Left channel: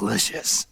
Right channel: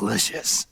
useless.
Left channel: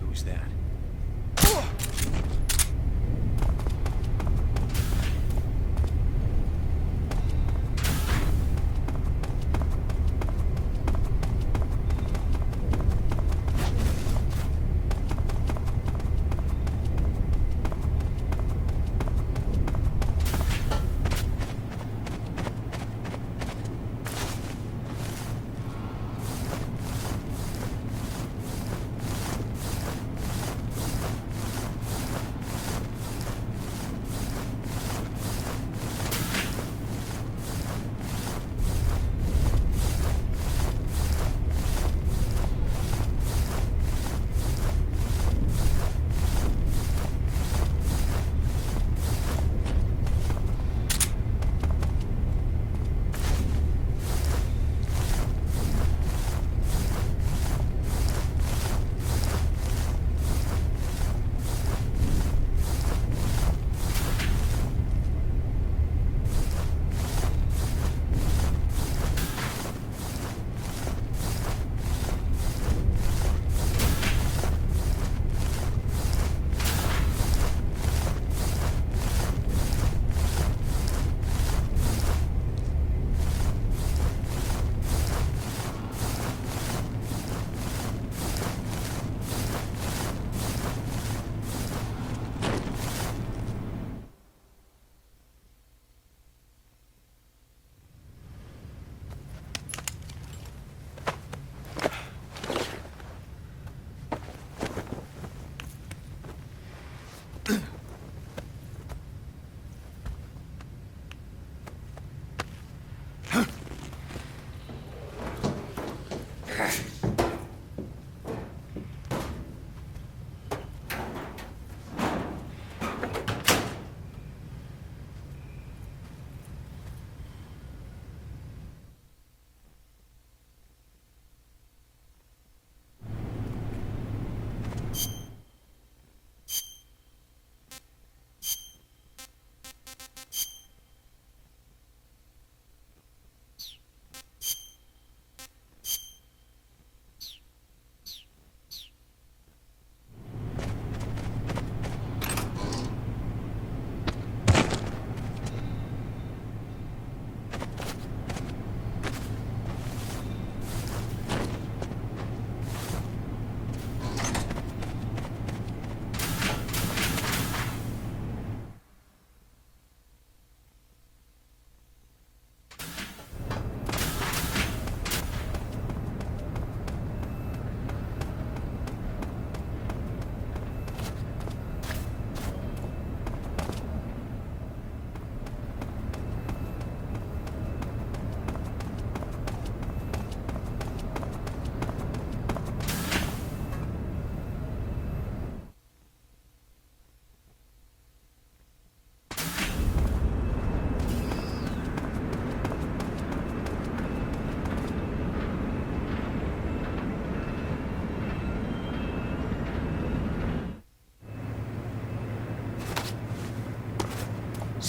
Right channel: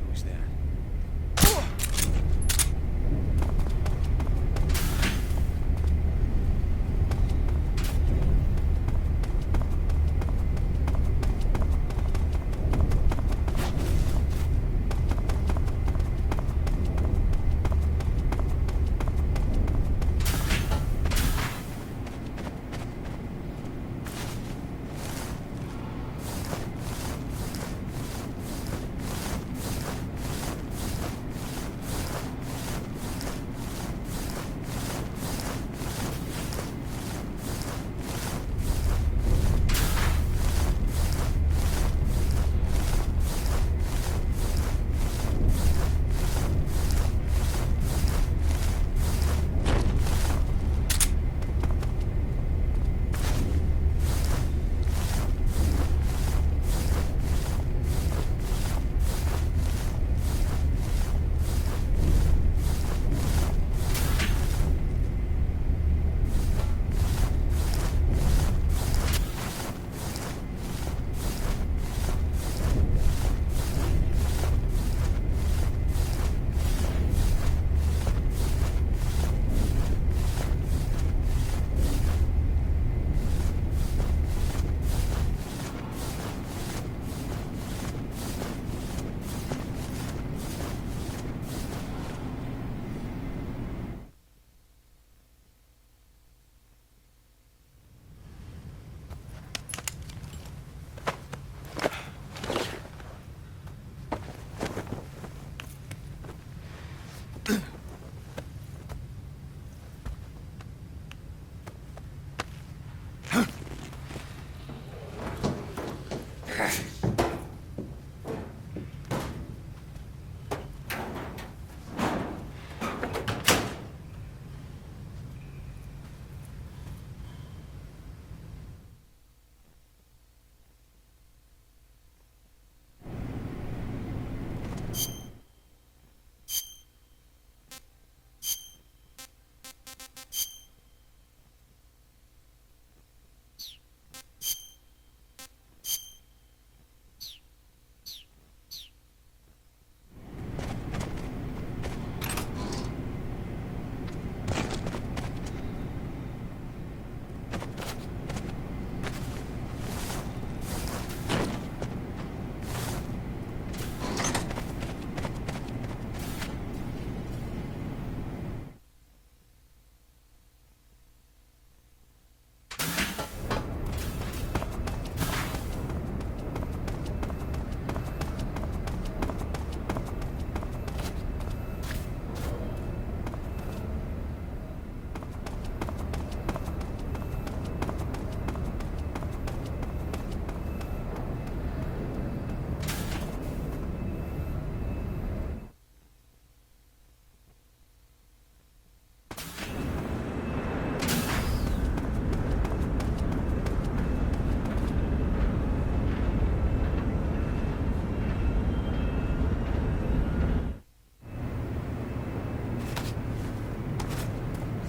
Who's that?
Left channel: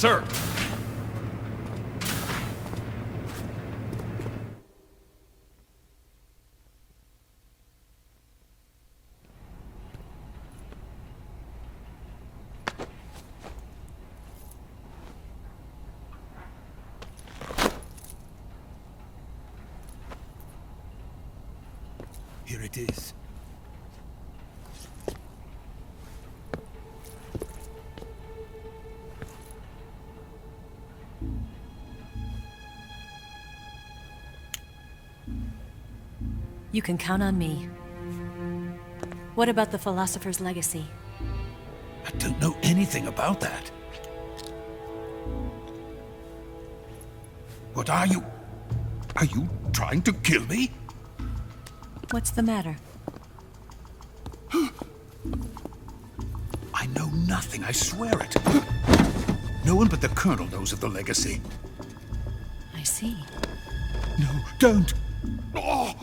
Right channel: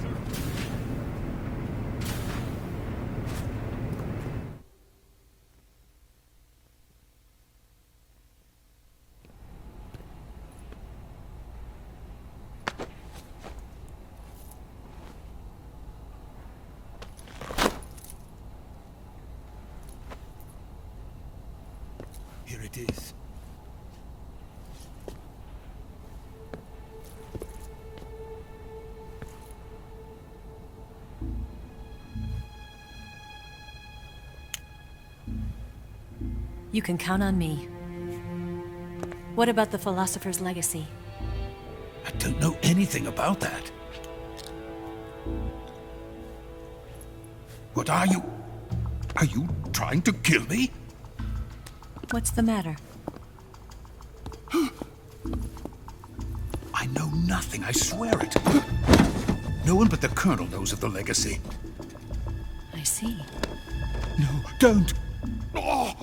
Sir! Here it is. You can count on me. What about the philosopher's legacy? I don't know anything about that. What are you? Are you trying to kill me? What's the matter? I know nothing, I swear it. No one but the Colonel knows of the legacy. I see. No, don't! Oh.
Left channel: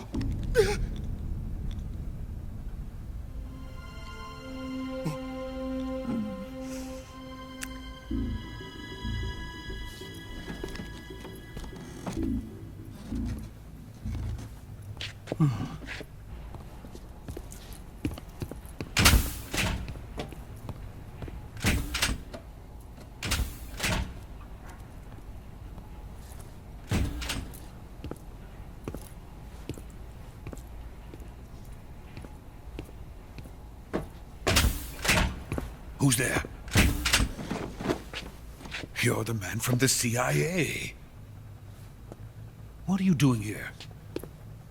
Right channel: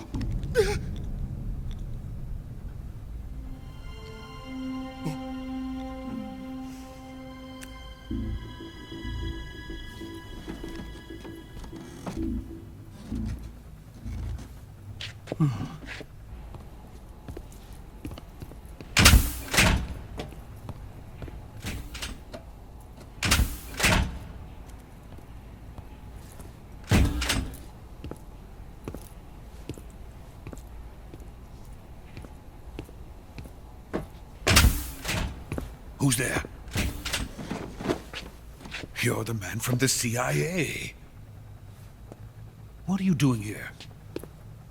Who's there? You're the man from the CIA. What are you doing here?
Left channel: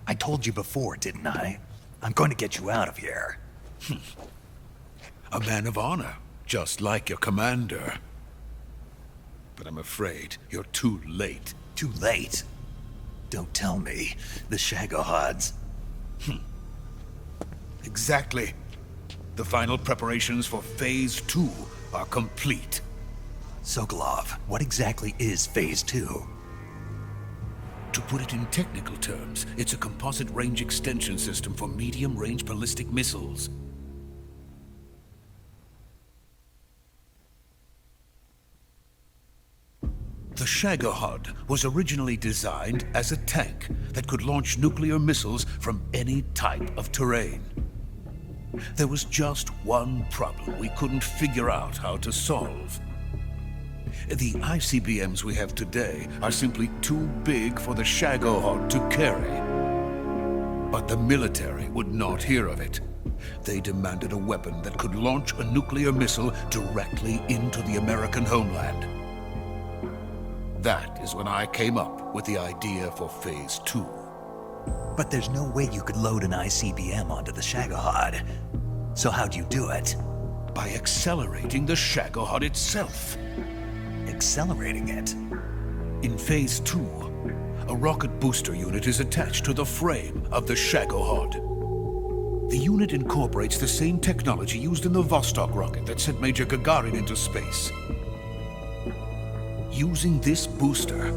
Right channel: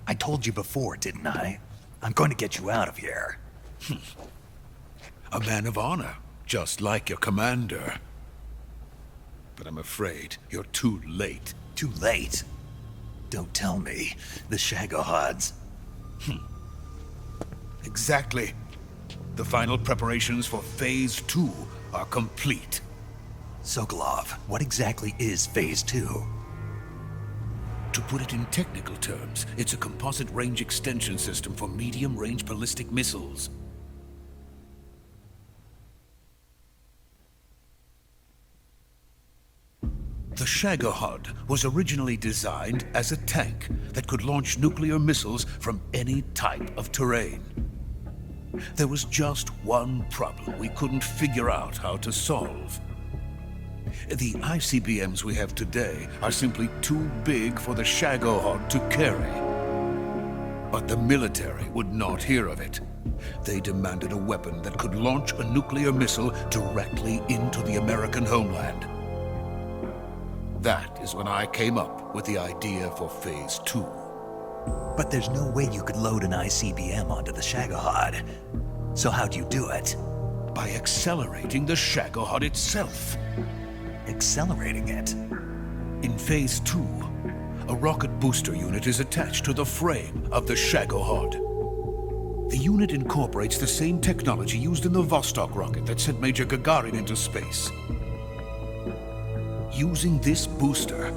I told you before, didn't I? I'm going to get you out of here. A man of honor, just like your commander. But I'm afraid you're too late. Too late? Don't tell me. The Shagohods. Exactly. The final preparations for Phase 2 are complete. Sokolov, what exactly is Phase 2? To put it in technical terms, it's a composite range extension system for medium-range ballistic missiles. The Shagohod was originally designed as a tank that could launch nuclear missiles from any type of terrain. There was just one problem we couldn't figure out how to solve. The ICBMs we have today are simply too big for the Shagohod to carry. But the military would not hear of it. They demanded a weapon that could launch a nuclear missile directly into the American homeland. That is when I came up with the idea for Phase 2. But there's no way you could load an ICBM onto the Shagohod. So how'd you do it? By accelerating the Shagohod itself. Accelerating it? In Phase 2, a rocket booster unit is attached to the frame of the Shagohod. The unit incorporates the same technology used in the Vostok rocket that sent Major Gagarin into space. Using this booster,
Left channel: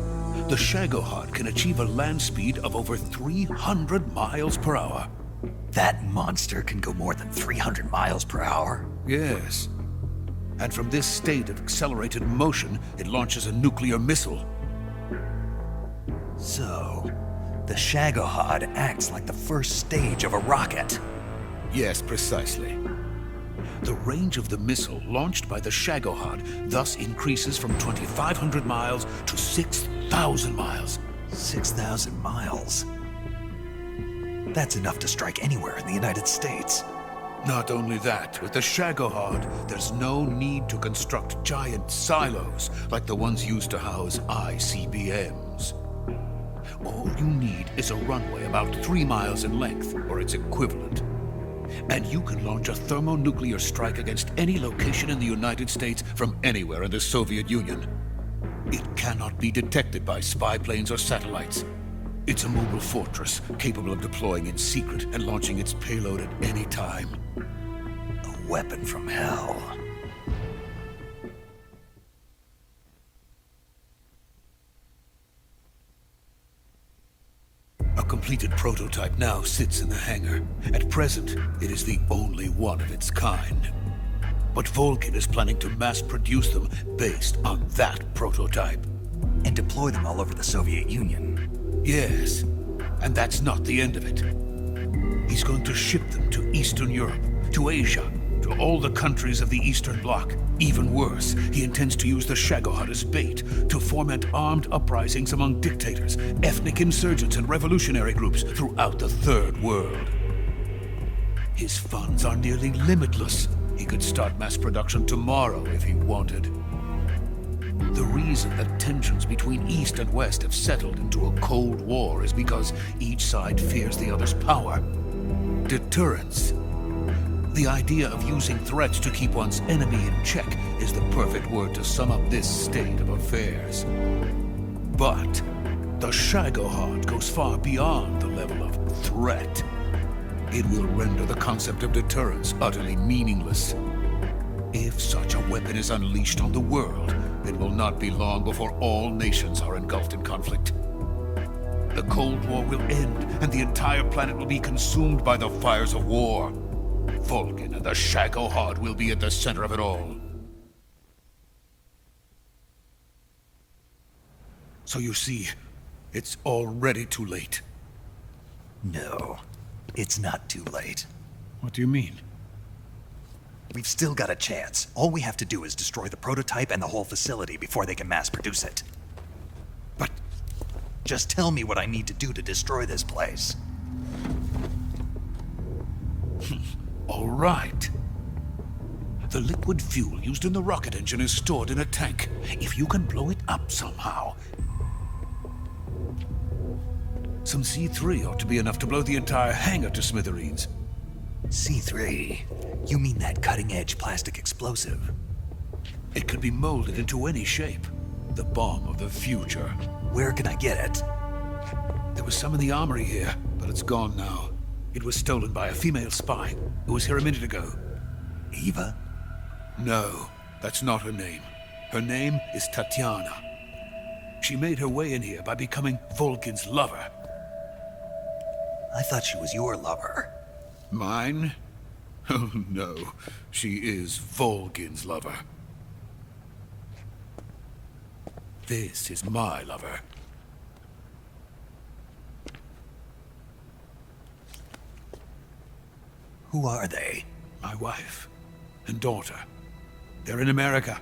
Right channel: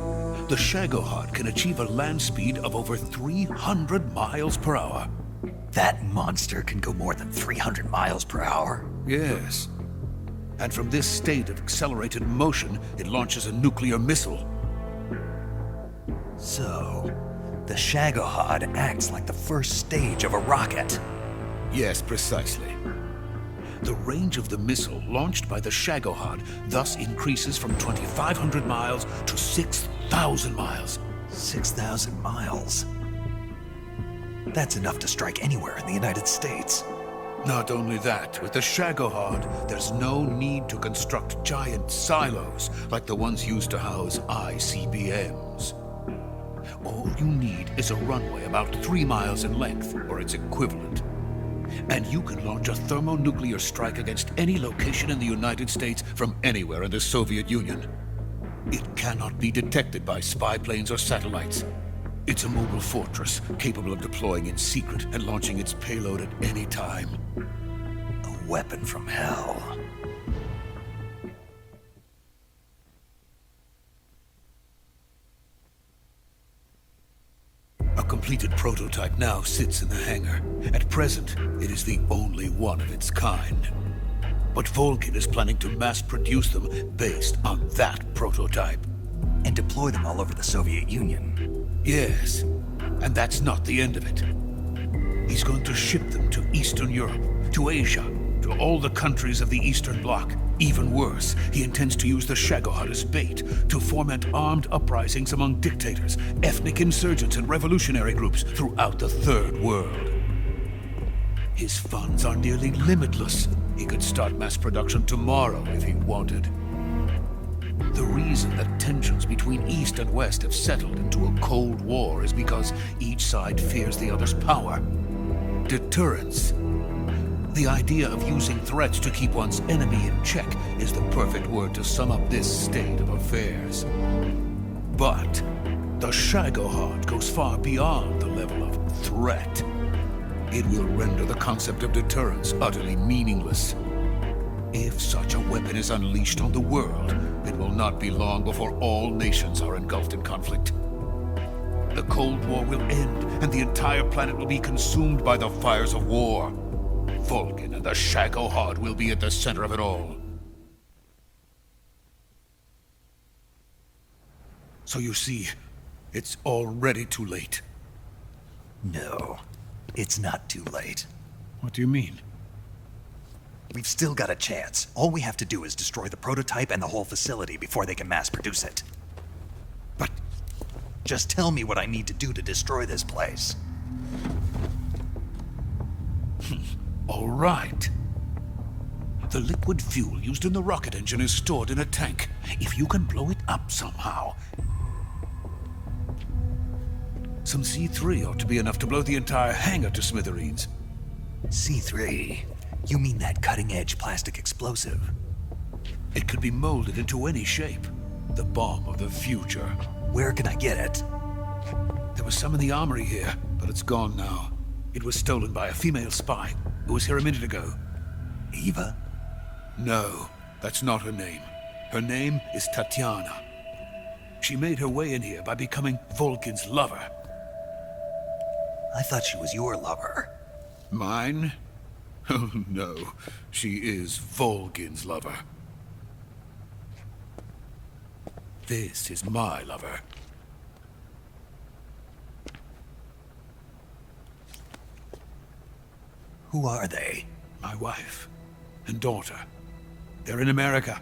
the Shagohod can achieve a land speed of over 300 miles per hour. That monster can go more than 300 miles per hour? Yes. And from this state of accelerated motion, it launches a nuclear missile. So, the Shagohod acts like the first stage of a rocket. Yes, precisely. The range of the missile launched by the Shagohod thus increases from 2,500 miles to 6,000 miles. 6,000 miles? That's enough to strike anywhere in the United States. Not only that, with the Shagohod, there's no need to construct giant silos like the ones used to house ICBMs. All you need is a runway about 3 miles in length, or its equivalent. And you can launch a thermonuclear strike against any location in the United States from anywhere in the Soviet Union. It cannot be detected by spy planes or satellites. It's a mobile fortress, capable of deploying in secret and launching its payload at any time. A weapon from hell. A completed prototype now sits in the hangar. At present, it is the only one of its kind. But Vulcan is planning to mass-produce them based on that prototype. And deploy them all over the Soviet Union. Yes, and that's not the end of it. He's going to ship them to Eastern Europe, to Asia, to all the countries of the Eastern Bloc. Even worse, he intends to use the Shagohod as bait to foment armed uprisings among dictators, ethnic insurgents, and revolutionary groups throughout the Third World. His funds are nearly limitless. He could start mass production tomorrow if he wanted. The reason that tensions between East and West have settled into a Cold War is because each side fears the other's power. Deterrence. The idea of using threats to keep one's enemy in check is the perfect word to sum up this state of affairs. But the Shagohod goes far beyond the level of threat. It will render the concept of deterrence utterly meaningless. If such a weapon is unleashed on the world, it will not be long before all nations are engulfed in conflict. The Cold War will end, and the entire planet will be consumed by the fires of war. Vulcan and the Shagohod will be at the center of it all. So you see, it's already too late. No, it's not too late. What do you mean? We've still got a chance. All we have to do is destroy the prototype and the whole facility before they can mass produce it. But just tell me what I need to do to destroy this place. all right. The liquid fuel used in the rocket engine is stored in a tank. If you can blow it up somehow. Some C3 ought to be enough to blow the entire hangar to smithereens. C3? You mean that cutting-edge plastic explosive? It could be molded into any shape. The bomb of the future. Where can I get it? There was some in the armory here, but it's gone now. It was stolen by a female spy who was here a minute ago. Eva? No, that's not her name. Her name is Tatiana. She made her way in here by becoming Vulcan's lover. I thought she was your lover. Mine? Oh no, she is Vulcan's lover. This is my lover. Who are they? My wife and daughter. They're in America.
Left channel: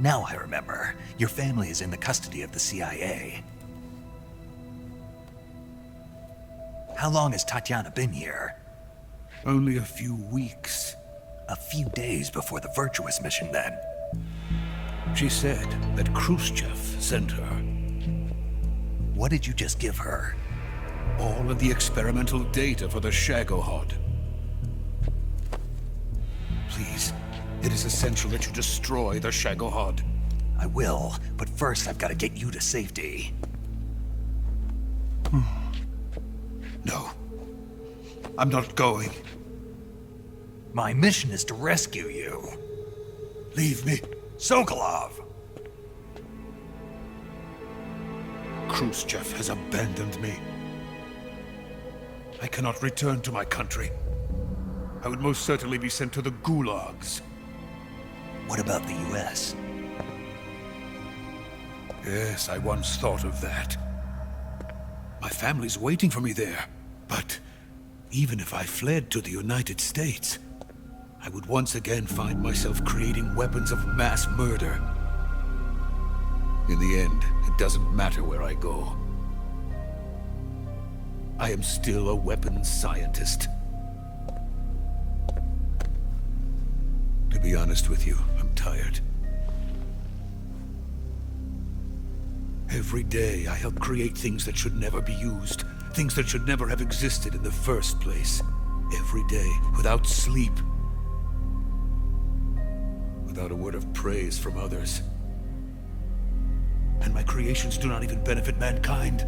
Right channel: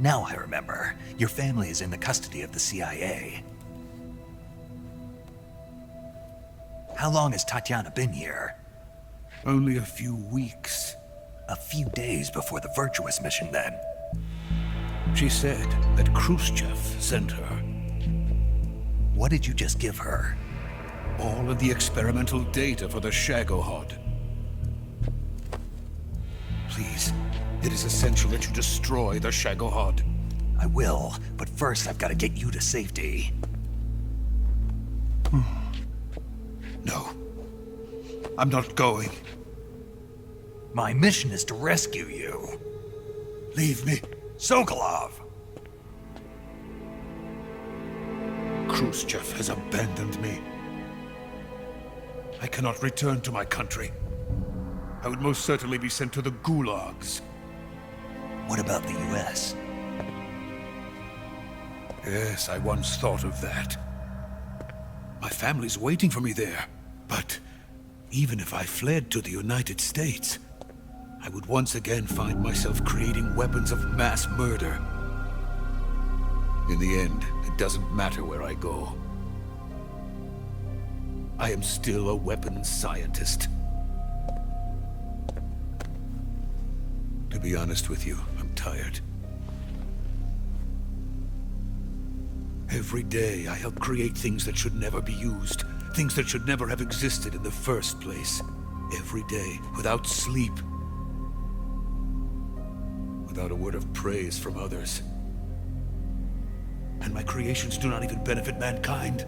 Now I remember. Your family is in the custody of the CIA. How long has Tatiana been here? Only a few weeks. A few days before the Virtuous mission, then. She said that Khrushchev sent her. What did you just give her? All of the experimental data for the Shagohod. Please, it is essential that you destroy the Shagohod. I will, but first I've got to get you to safety. No. I'm not going. My mission is to rescue you. Leave me. Sokolov! Khrushchev has abandoned me. I cannot return to my country. I would most certainly be sent to the gulags. What about the US? Yes, I once thought of that. My family's waiting for me there. But even if I fled to the United States, I would once again find myself creating weapons of mass murder. In the end, it doesn't matter where I go. I am still a weapons scientist. To be honest with you, I'm tired. Every day, I help create things that should never be used, things that should never have existed in the first place. Every day, without sleep. Without a word of praise from others. And my creations do not even benefit mankind.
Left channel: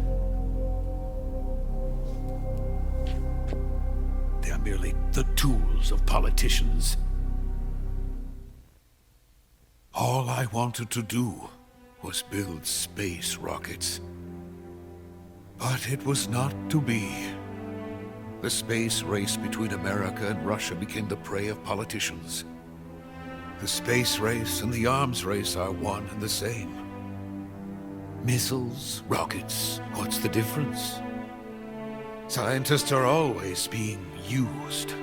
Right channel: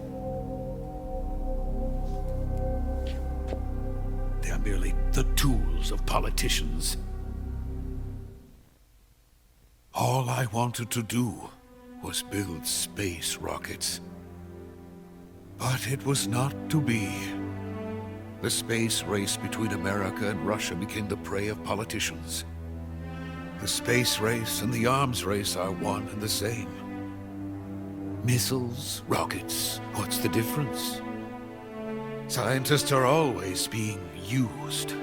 They are merely the tools of politicians. All I wanted to do was build space rockets. But it was not to be. The space race between America and Russia became the prey of politicians. The space race and the arms race are one and the same. Missiles, rockets, what's the difference? Scientists are always being used.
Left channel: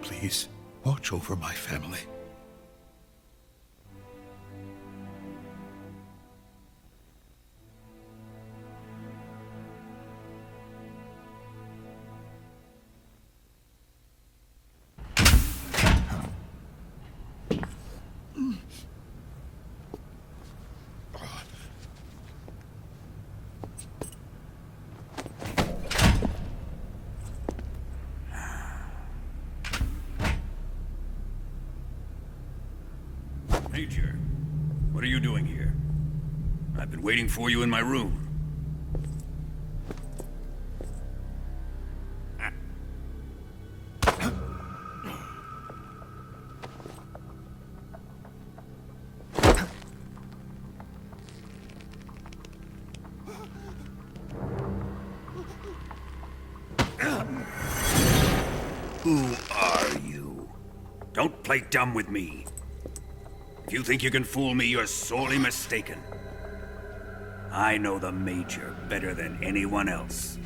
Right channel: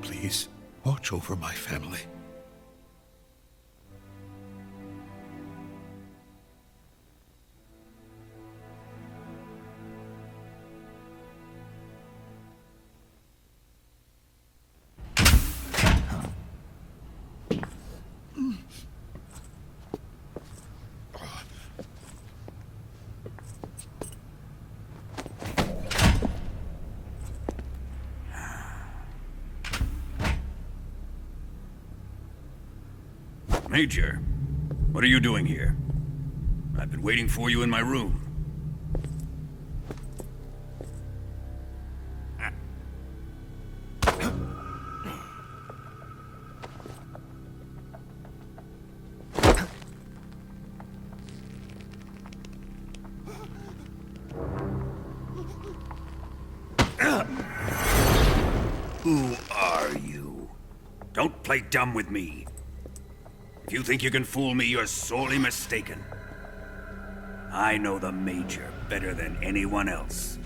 Please, watch over my family. Major, what are you doing here? I've been waiting for you in my room. Who are you? Don't play dumb with me. If you think you can fool me, you're sorely mistaken. I know the Major better than anyone else.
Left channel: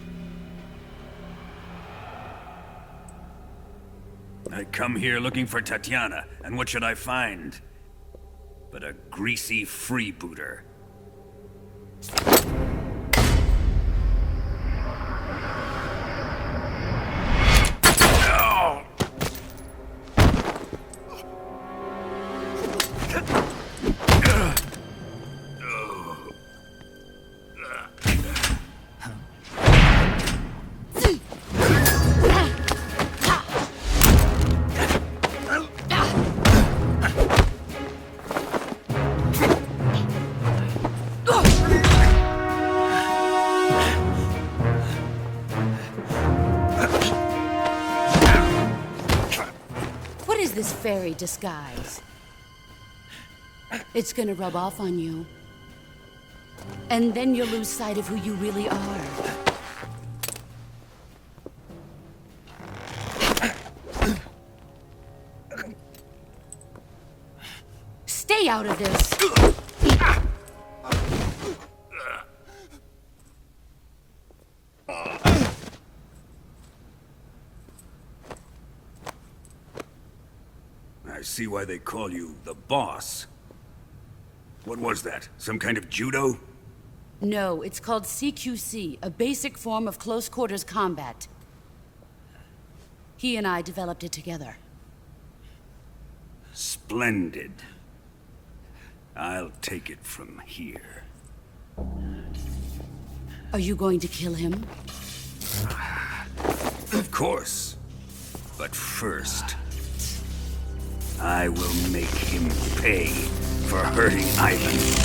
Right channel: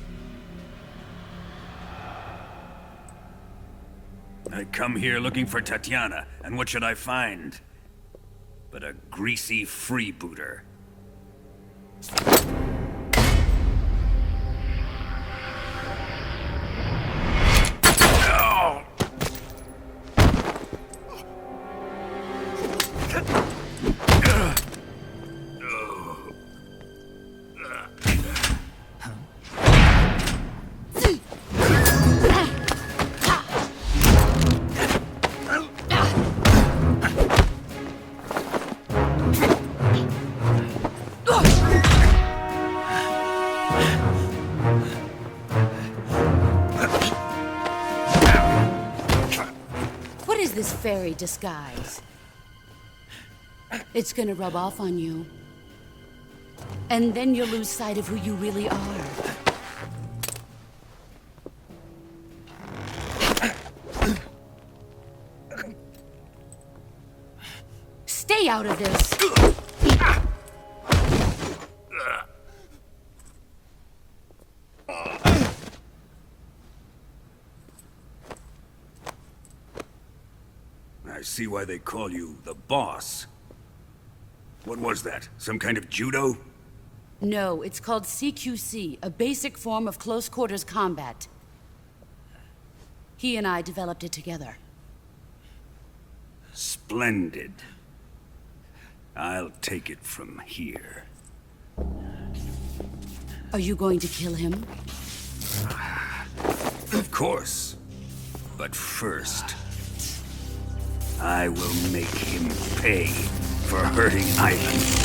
I come here looking for Tatiana, and what should I find? But a greasy freebooter. This fairy disguise. It's gonna rub off on you. And then you'll lose sight of who you really are. Stay out of this! I see why they call you the boss. What was that? Some kind of judo? No, it's called CQC, a basic form of close quarters combat. He and I developed it together. Splendid. I'll take it from here. Are you going to kill him? Of course. But first, I will make him pay for hurting Ivan.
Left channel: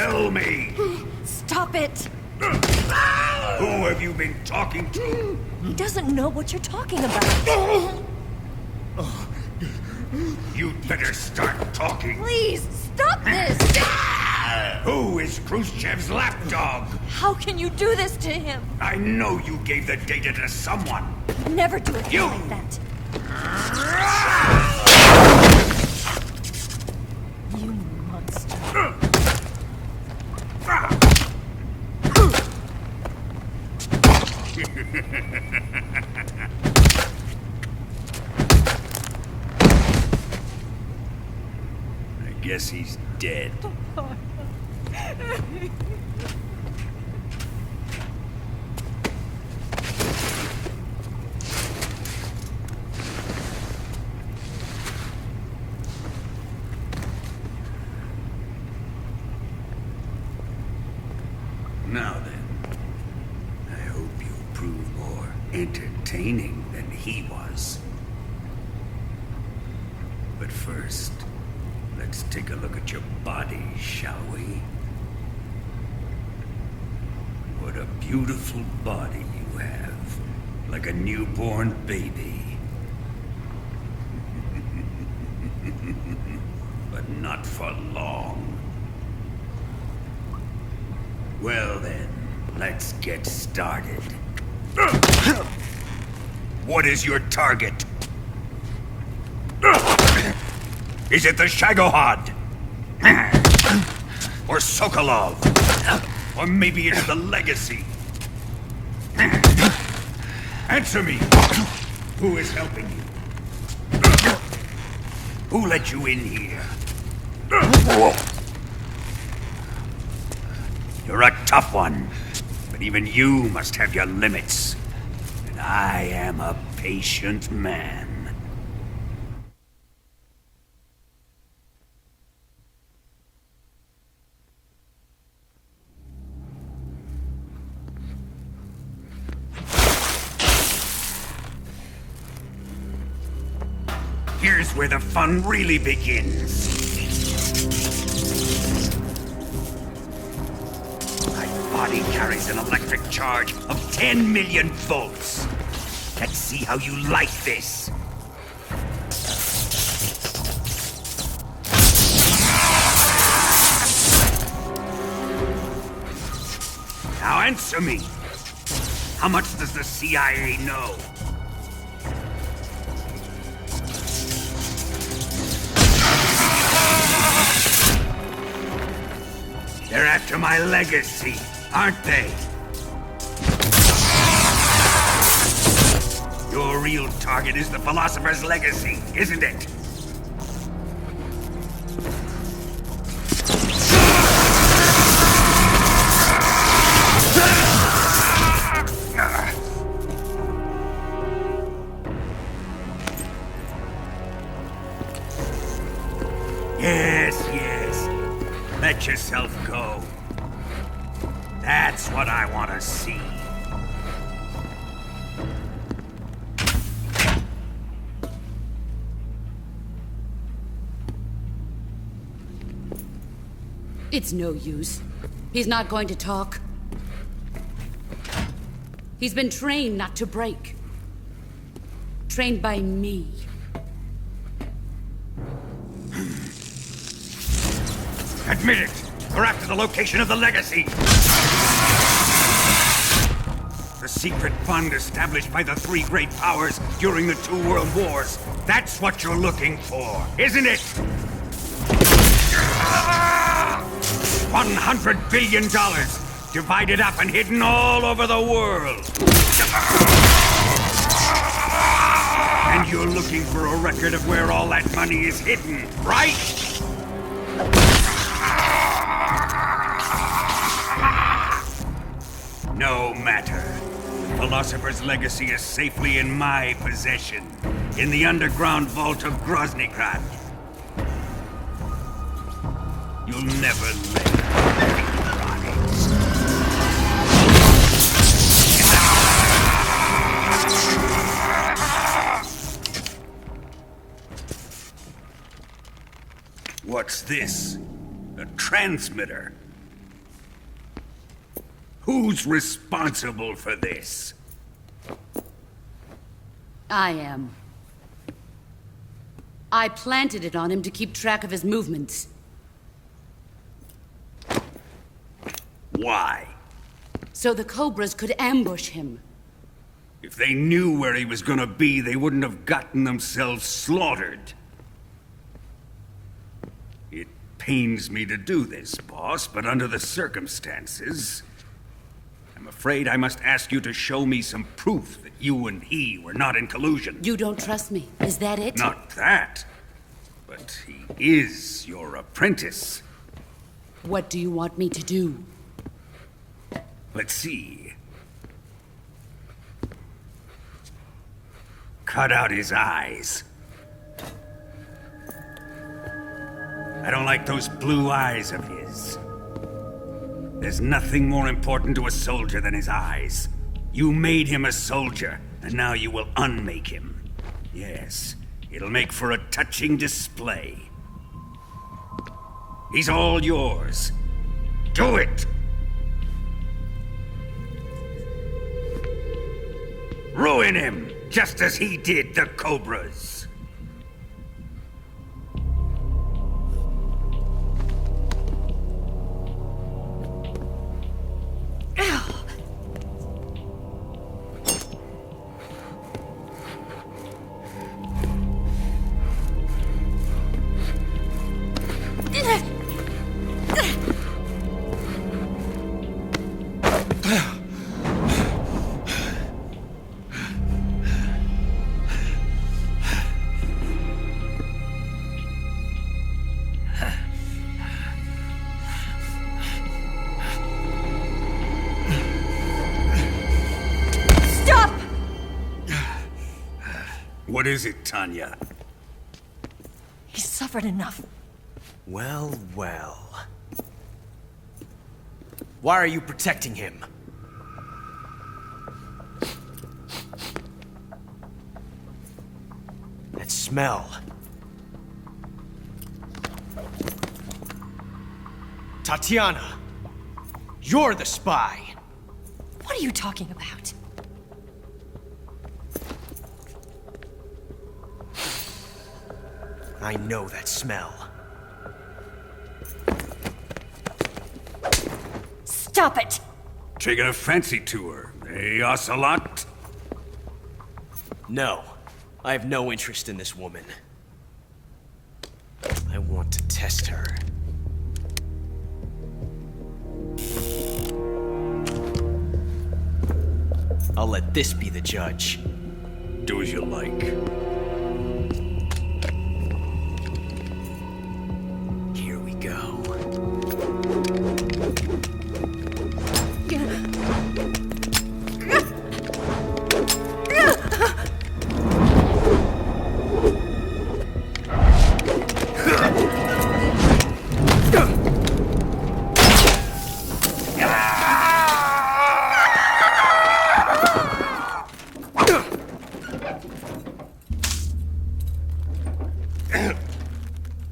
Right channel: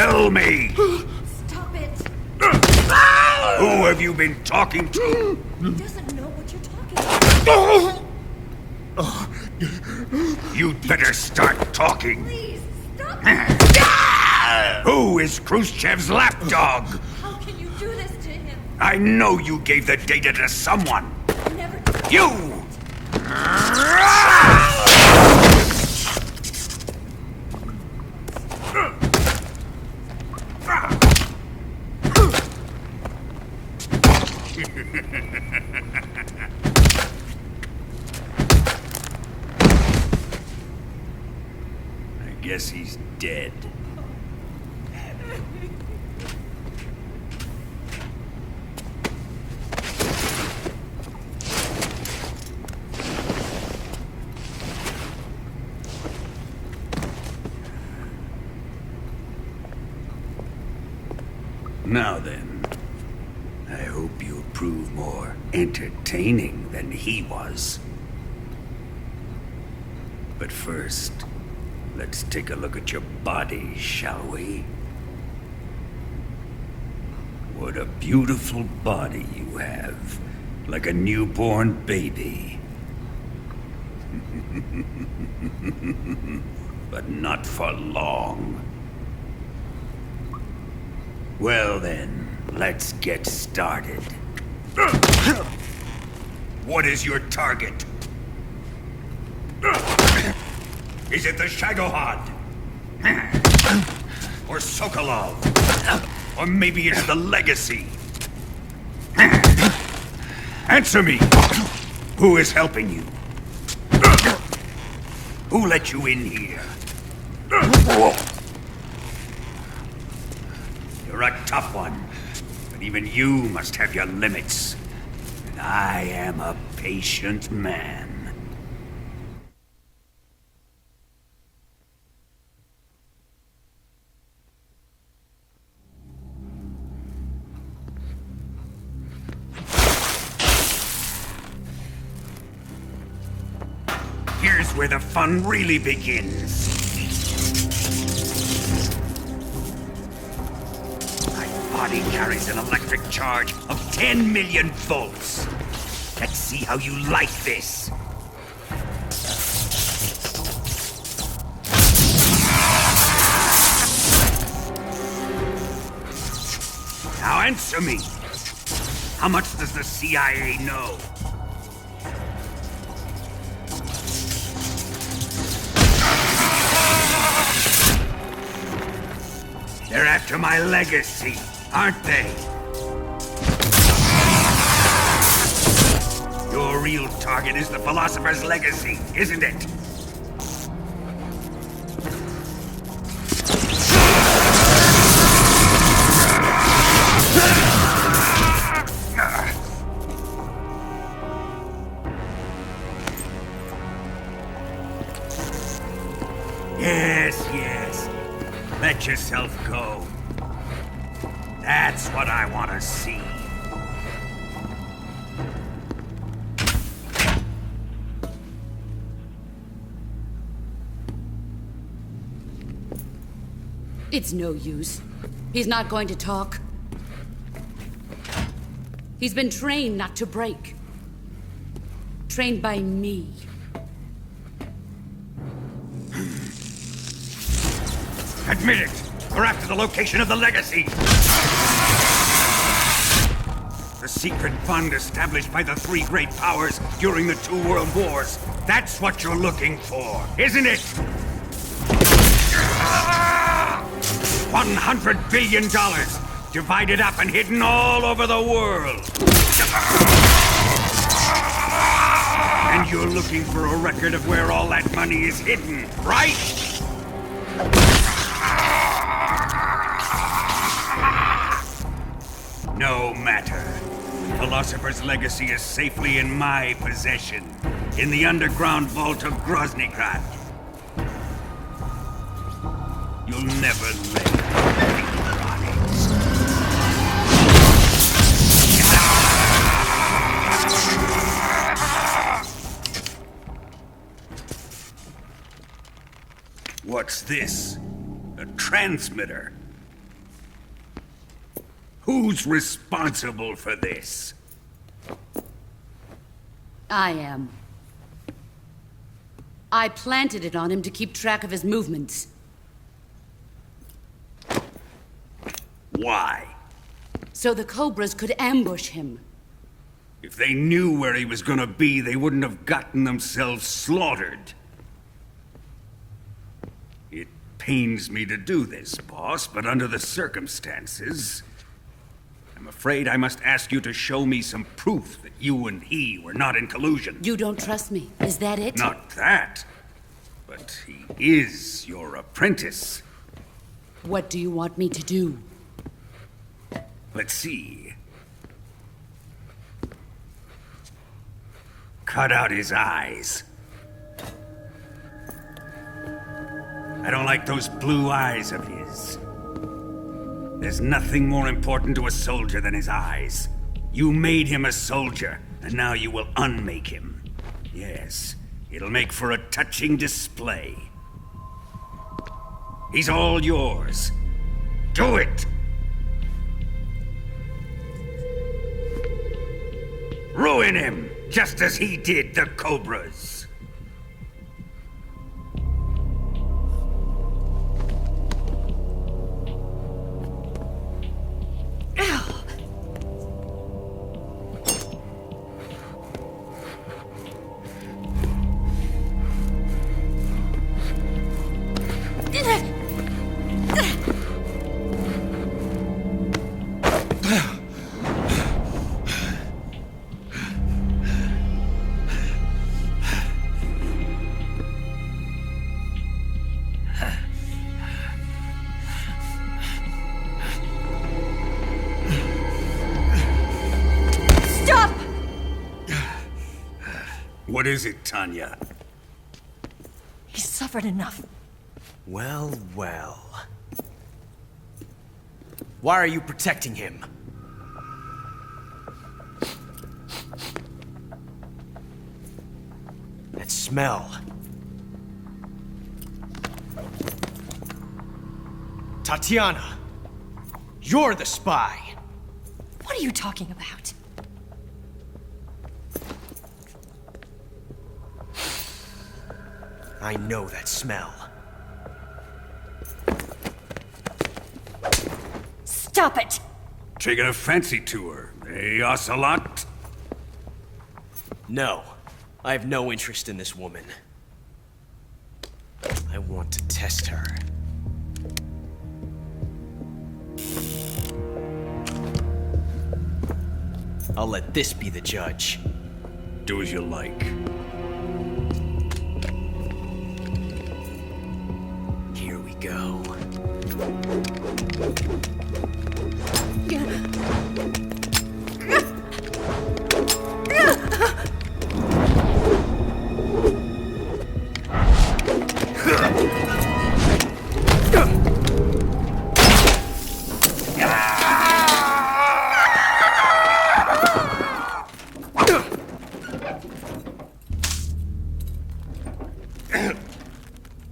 Tell me! Stop it! Who have you been talking to? He doesn't know what you're talking about. You'd better start talking. Please, stop this! Who is Khrushchev's lapdog? How can you do this to him? I know you gave the data to someone. Never do You! that. You monster. I guess he's dead. Now then, I hope you'll prove more entertaining than he was. But first, let's take a look at your body, shall we? What a beautiful body you have, like a newborn baby. But not for long. Well then, let's get started. What is your target? Is it the Shagohod? Or Sokolov? Or maybe it's the Legacy? Answer me! Who is helping you? Who let you in here? You're a tough one, but even you must have your limits. And I am a patient man. Here's where the fun really begins. Body carries an electric charge of 10 million volts. Let's see how you like this. Now answer me. How much does the CIA know? They're after my legacy, aren't they? Your real target is the Philosopher's Legacy, isn't it? Yes. Let yourself go. That's what I want to see. It's no use. He's not going to talk. He's been trained not to break. Trained by me. Admit it! We're after the location of the Legacy! The secret fund established by the three great powers during the 2 world wars. That's what you're looking for, isn't it? $100 billion, divided up and hidden all over the world. And you're looking for a record of where all that money is hidden, right? No matter. The Philosopher's Legacy is safely in my possession, in the underground vault of Groznygrad. You'll never lay a finger on it. What's this? A transmitter? Who's responsible for this? I am. I planted it on him to keep track of his movements. Why? So the Cobras could ambush him. If they knew where he was gonna be, they wouldn't have gotten themselves slaughtered. It pains me to do this, boss, but under the circumstances, I'm afraid I must ask you to show me some proof that you and he were not in collusion. You don't trust me, is that it? Not that, but he is your apprentice. What do you want me to do? Let's see. Cut out his eyes. I don't like those blue eyes of his. There's nothing more important to a soldier than his eyes. You made him a soldier, and now you will unmake him. Yes, it'll make for a touching display. He's all yours. Do it! Ruin him, just as he did the Cobras. Stop! What is it, Tanya? He's suffered enough. Well, well. Why are you protecting him? That smell. Tatiana, you're the spy. What are you talking about? I know that smell. Stop it! Taking a fancy to her, eh, Ocelot? No, I have no interest in this woman. I want to test her. I'll let this be the judge. Do as you like. Here we go.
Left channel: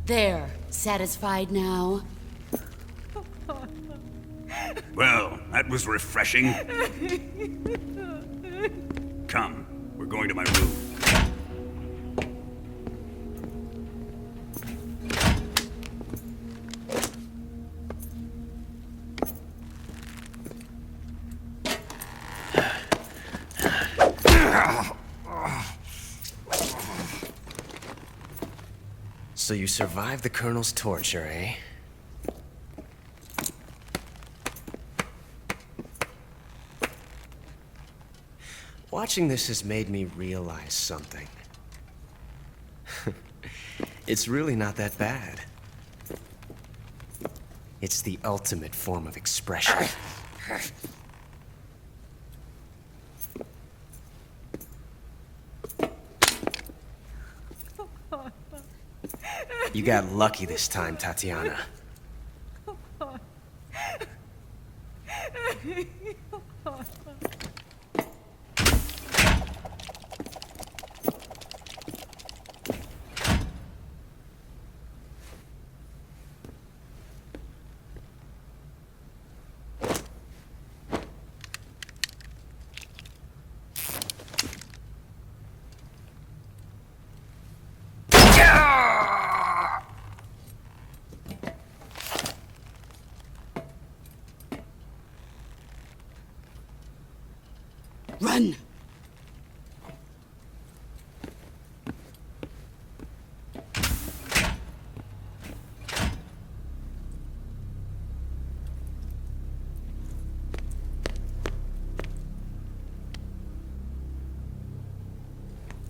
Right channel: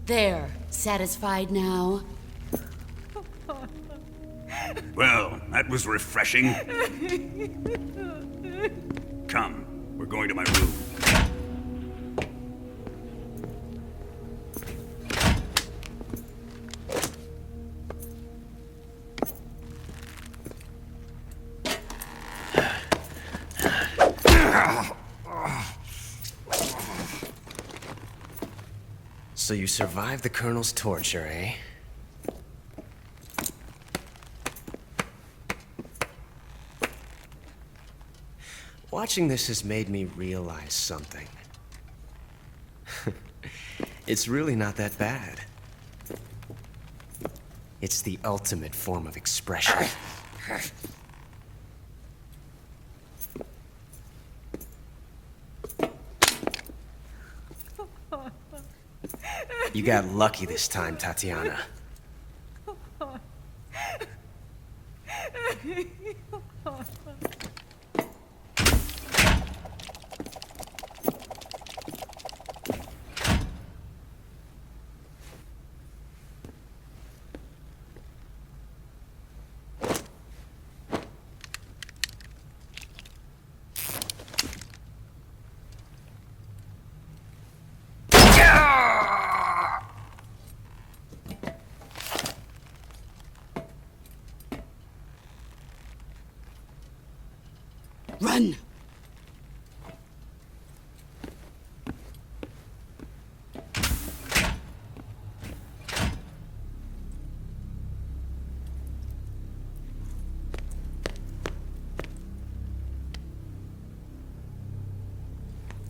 There, satisfied now? Well, that was refreshing. Come, we're going to my room. So you survived the Colonel's torture, eh? Watching this has made me realize something. It's really not that bad. It's the ultimate form of expression. You got lucky this time, Tatiana.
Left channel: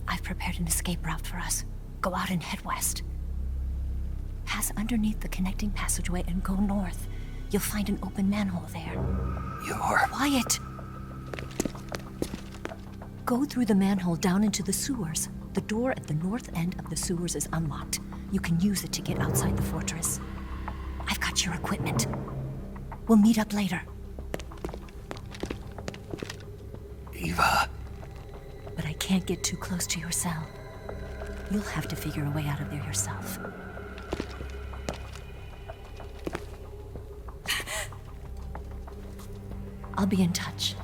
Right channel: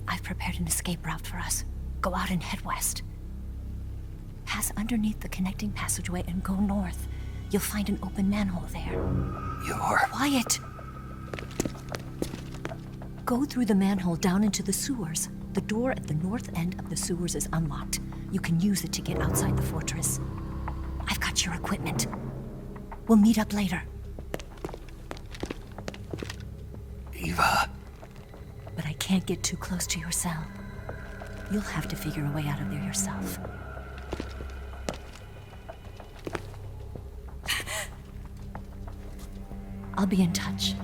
I've prepared an escape route for us. Go out and head west. Pass underneath the connecting passageway and go north. You'll find an open manhole there. You're... Quiet! Go through the manhole down into the sewers. The door at the north end of the sewers is unlocked. You can use it to get outside the fortress. I've got your equipment. We'll meet up later. Eva. But I can't get too close to your cell. You'll have to figure a way out of there yourself. I'll be in touch.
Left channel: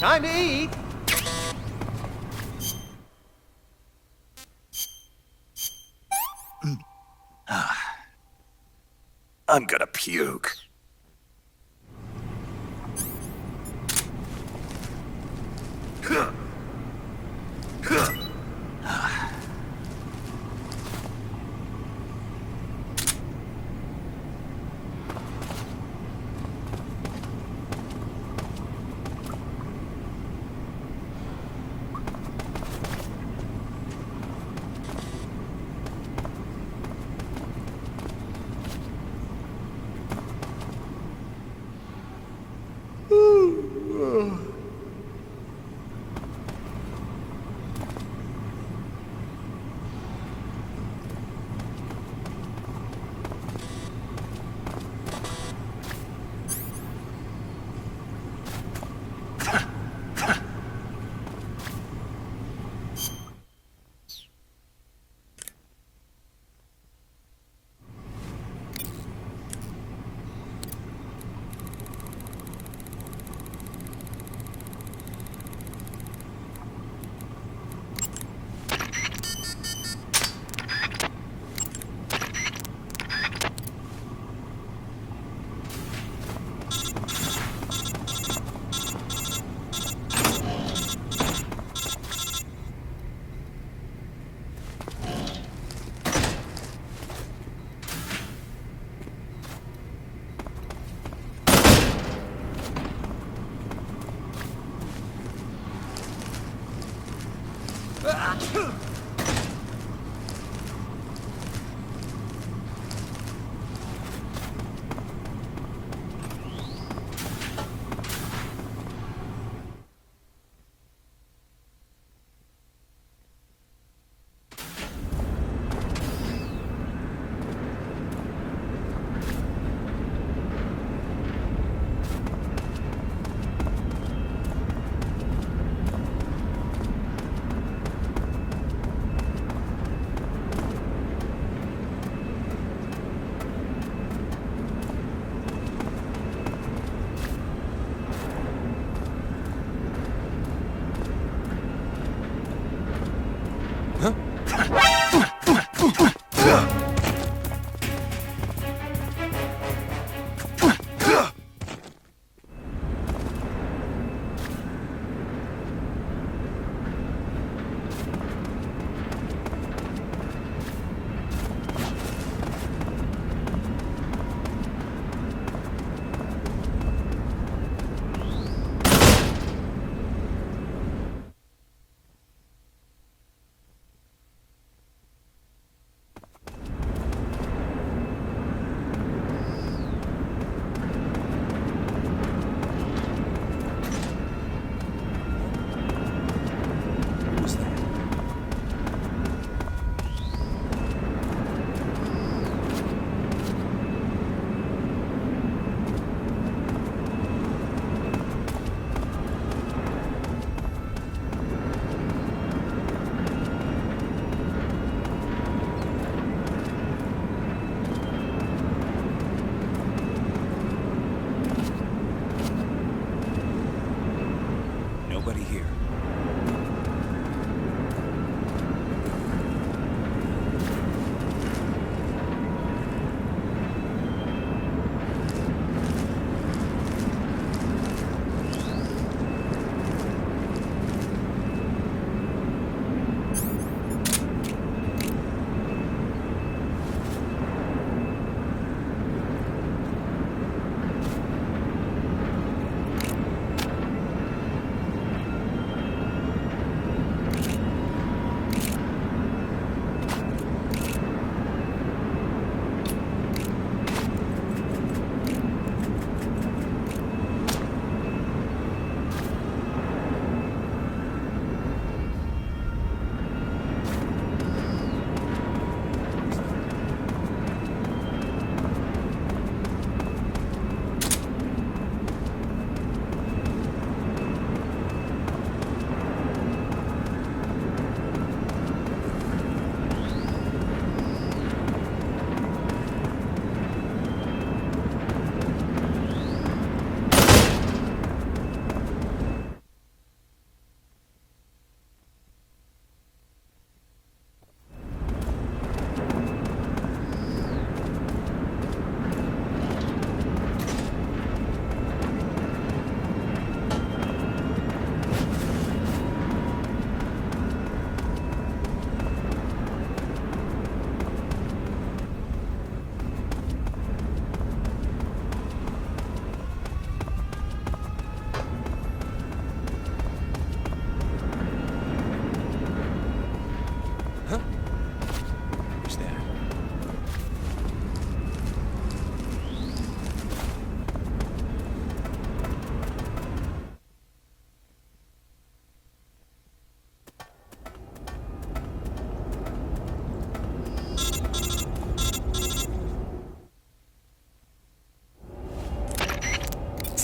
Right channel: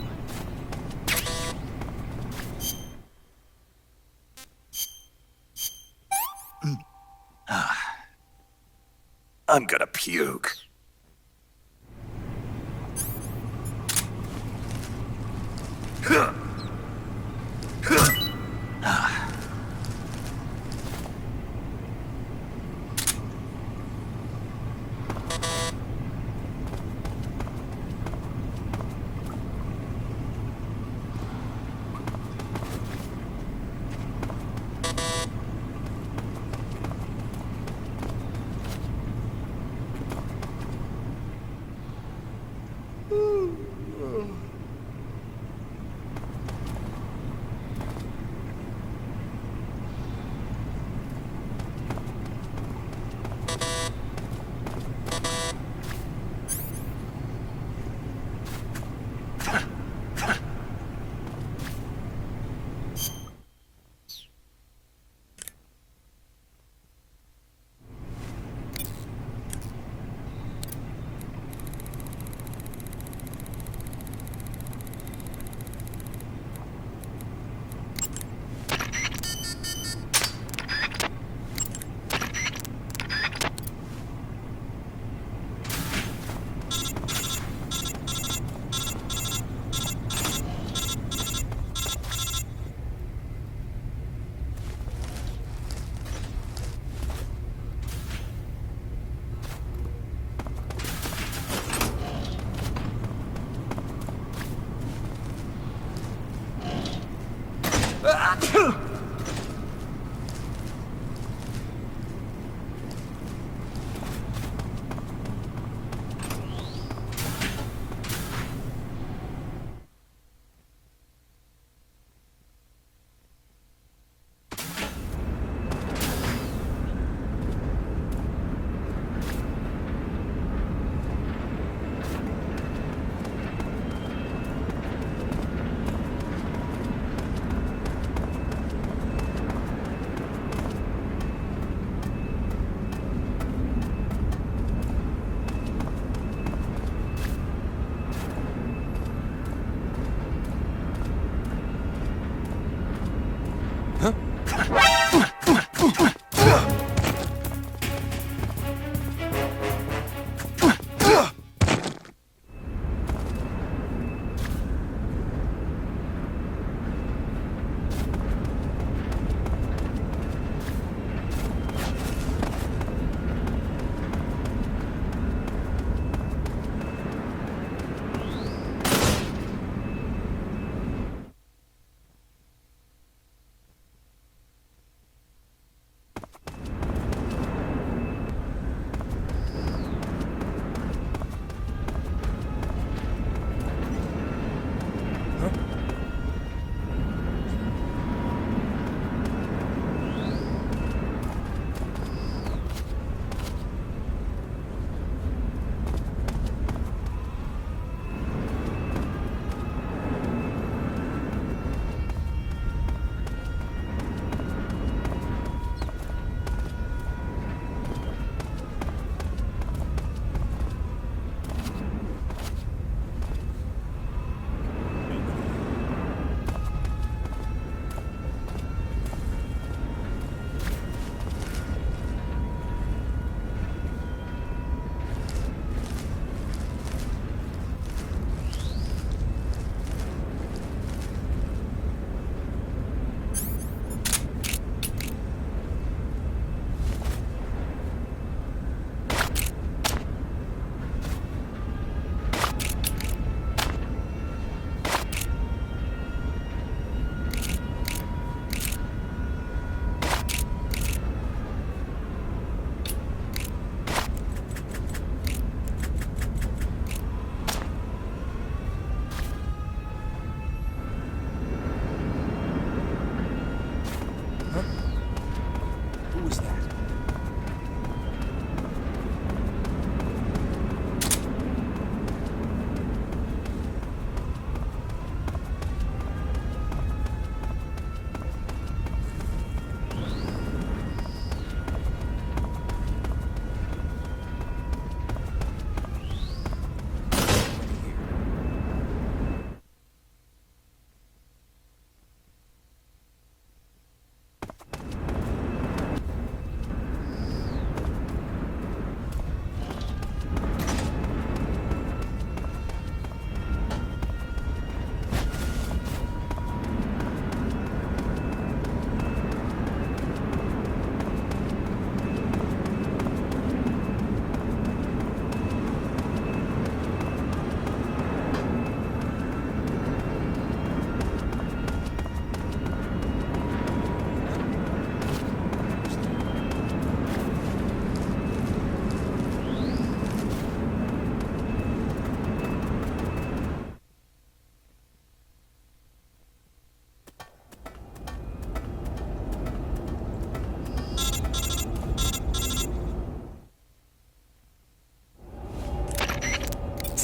Time to eat!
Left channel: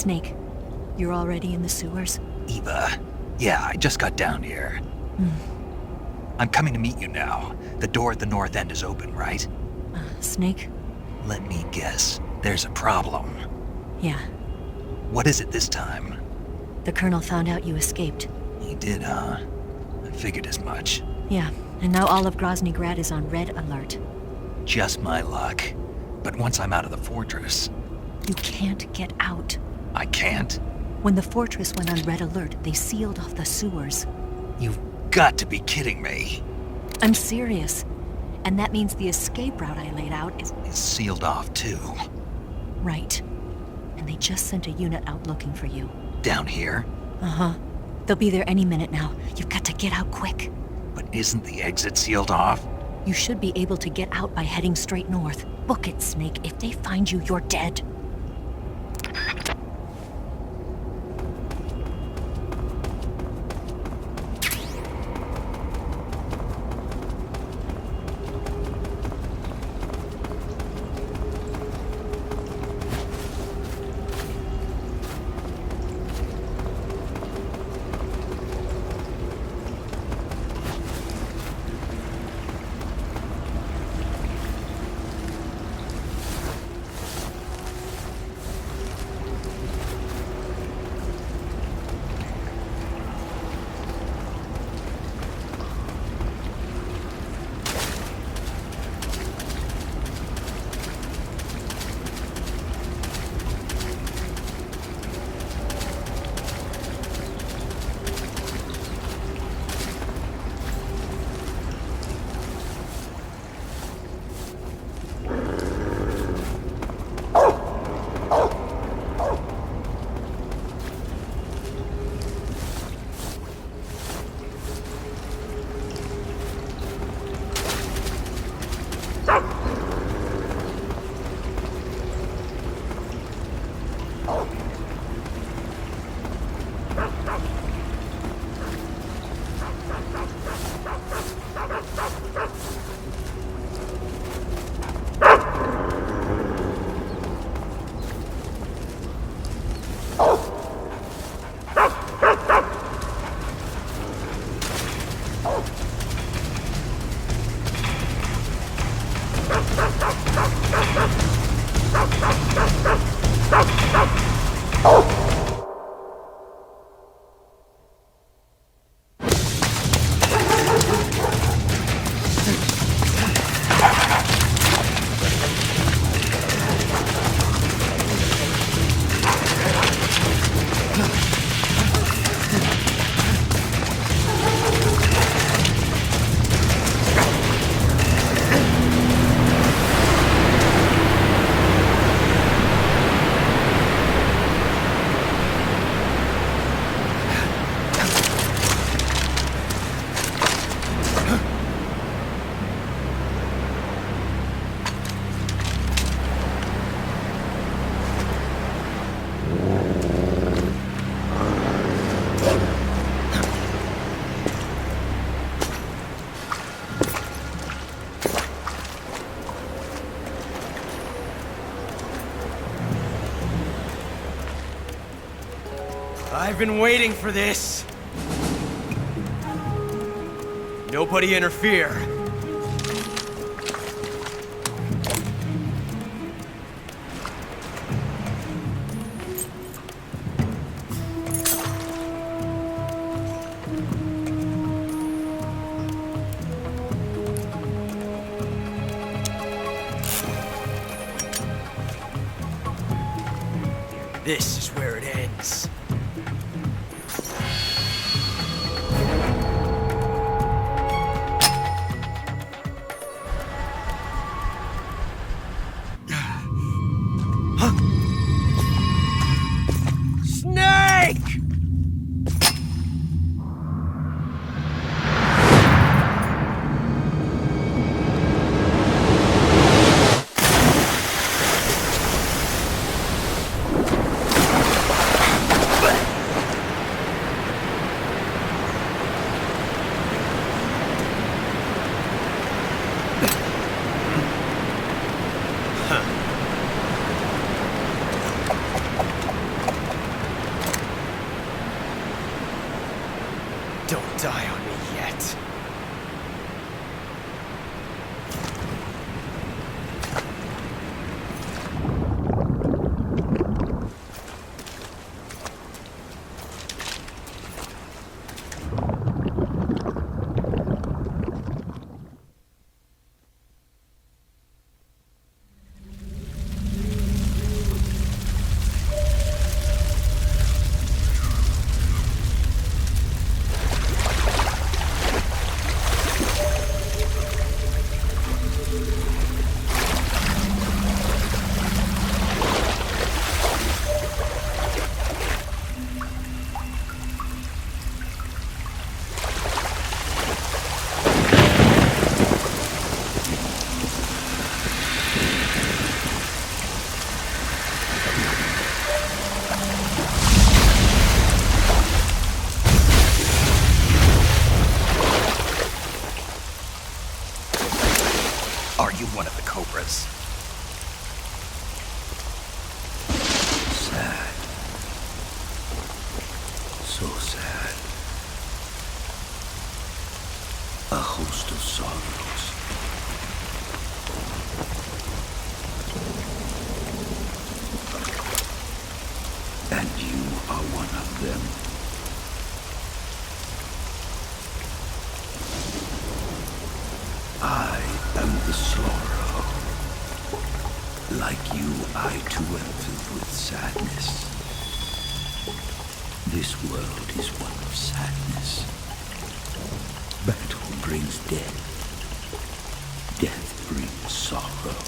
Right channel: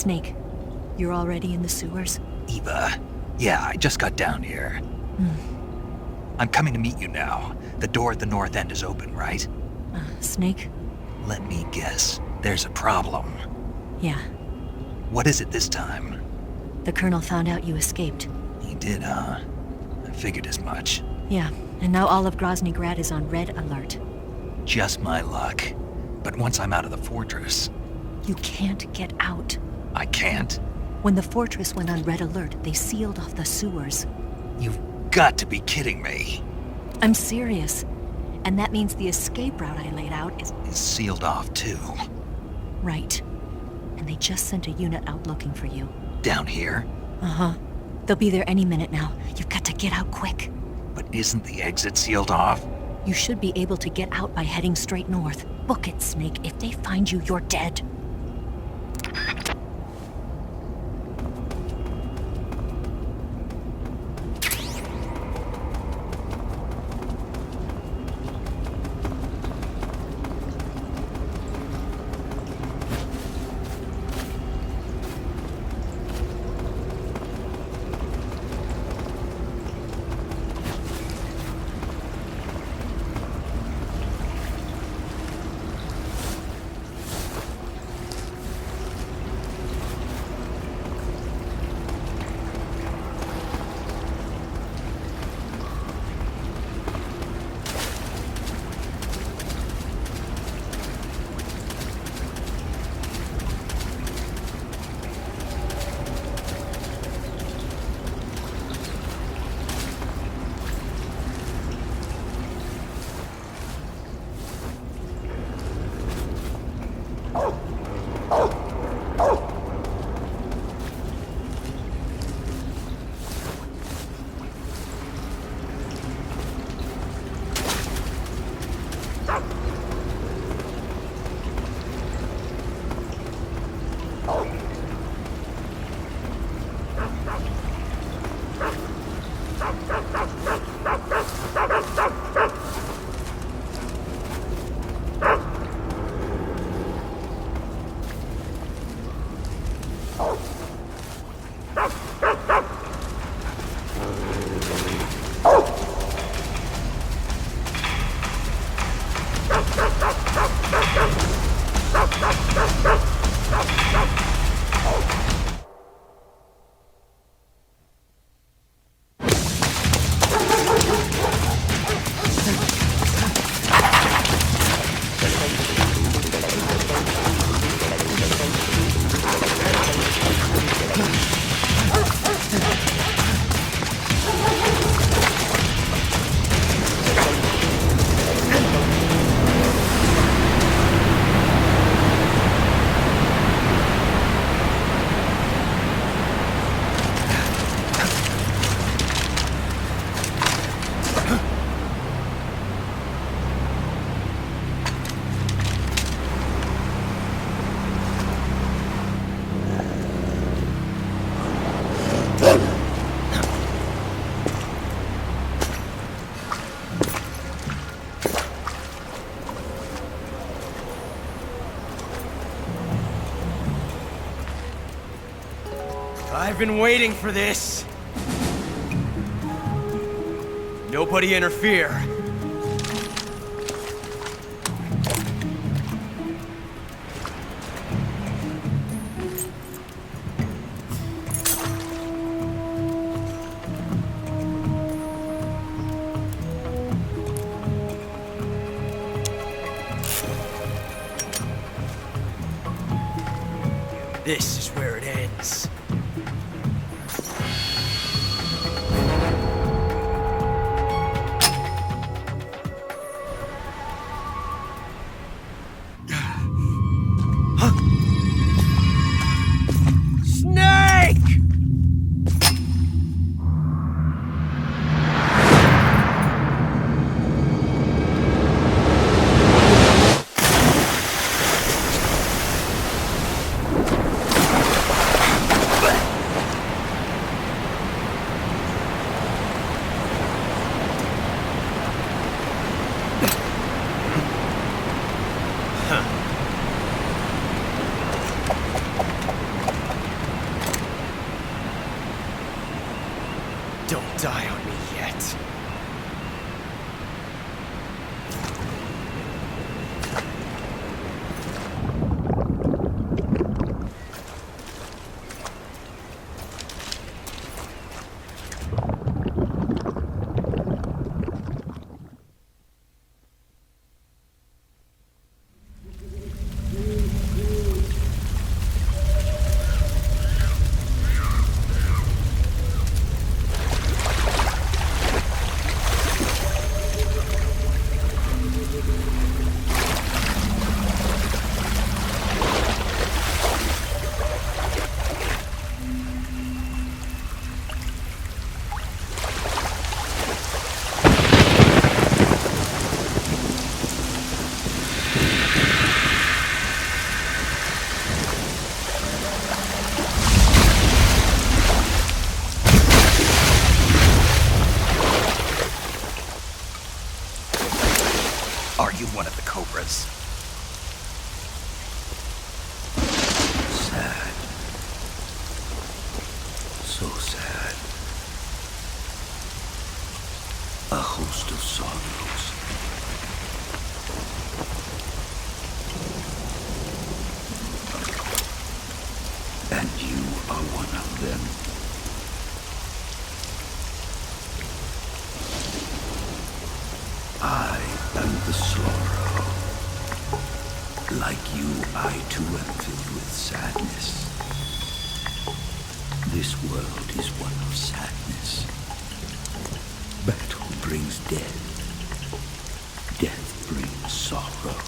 Snake, you're already in the sewers? Eva, yeah, I just got down here. I'm coming to meet you now. The door at the north end is open, right? Snake? Let me guess. There's a problem. Yeah. What is it this time? The Colonel found out you escaped. He did, huh? I figured as much. Yeah, and now all of Grozny Grad is on red alert. Just my luck. But once I'm out of the fortress... You can't get out. I can't? When the fortress went on red alert, they sealed off the sewers. You've got to be kidding me. I'm serious. And that means the escape route I laid out is... Is sealed off, too. Right. And they just sent a unit out looking for you. Down here? Uh-huh. They'll be there any minute now. You've got to get out quick. But isn't the exit sealed off? You should be able to get out by heading straight north. Book it, Snake. If they find you, you're dead. I've been waiting for this. Nobody interfere. This is where it ends. Snake! yet. Are you one of the Cobras? Sad. So sad. A host of sorrows. And you are one of them. I am the sorrow. Like you, I too am filled with sadness. This world is one of sadness. Battle brings death. Death brings sorrow.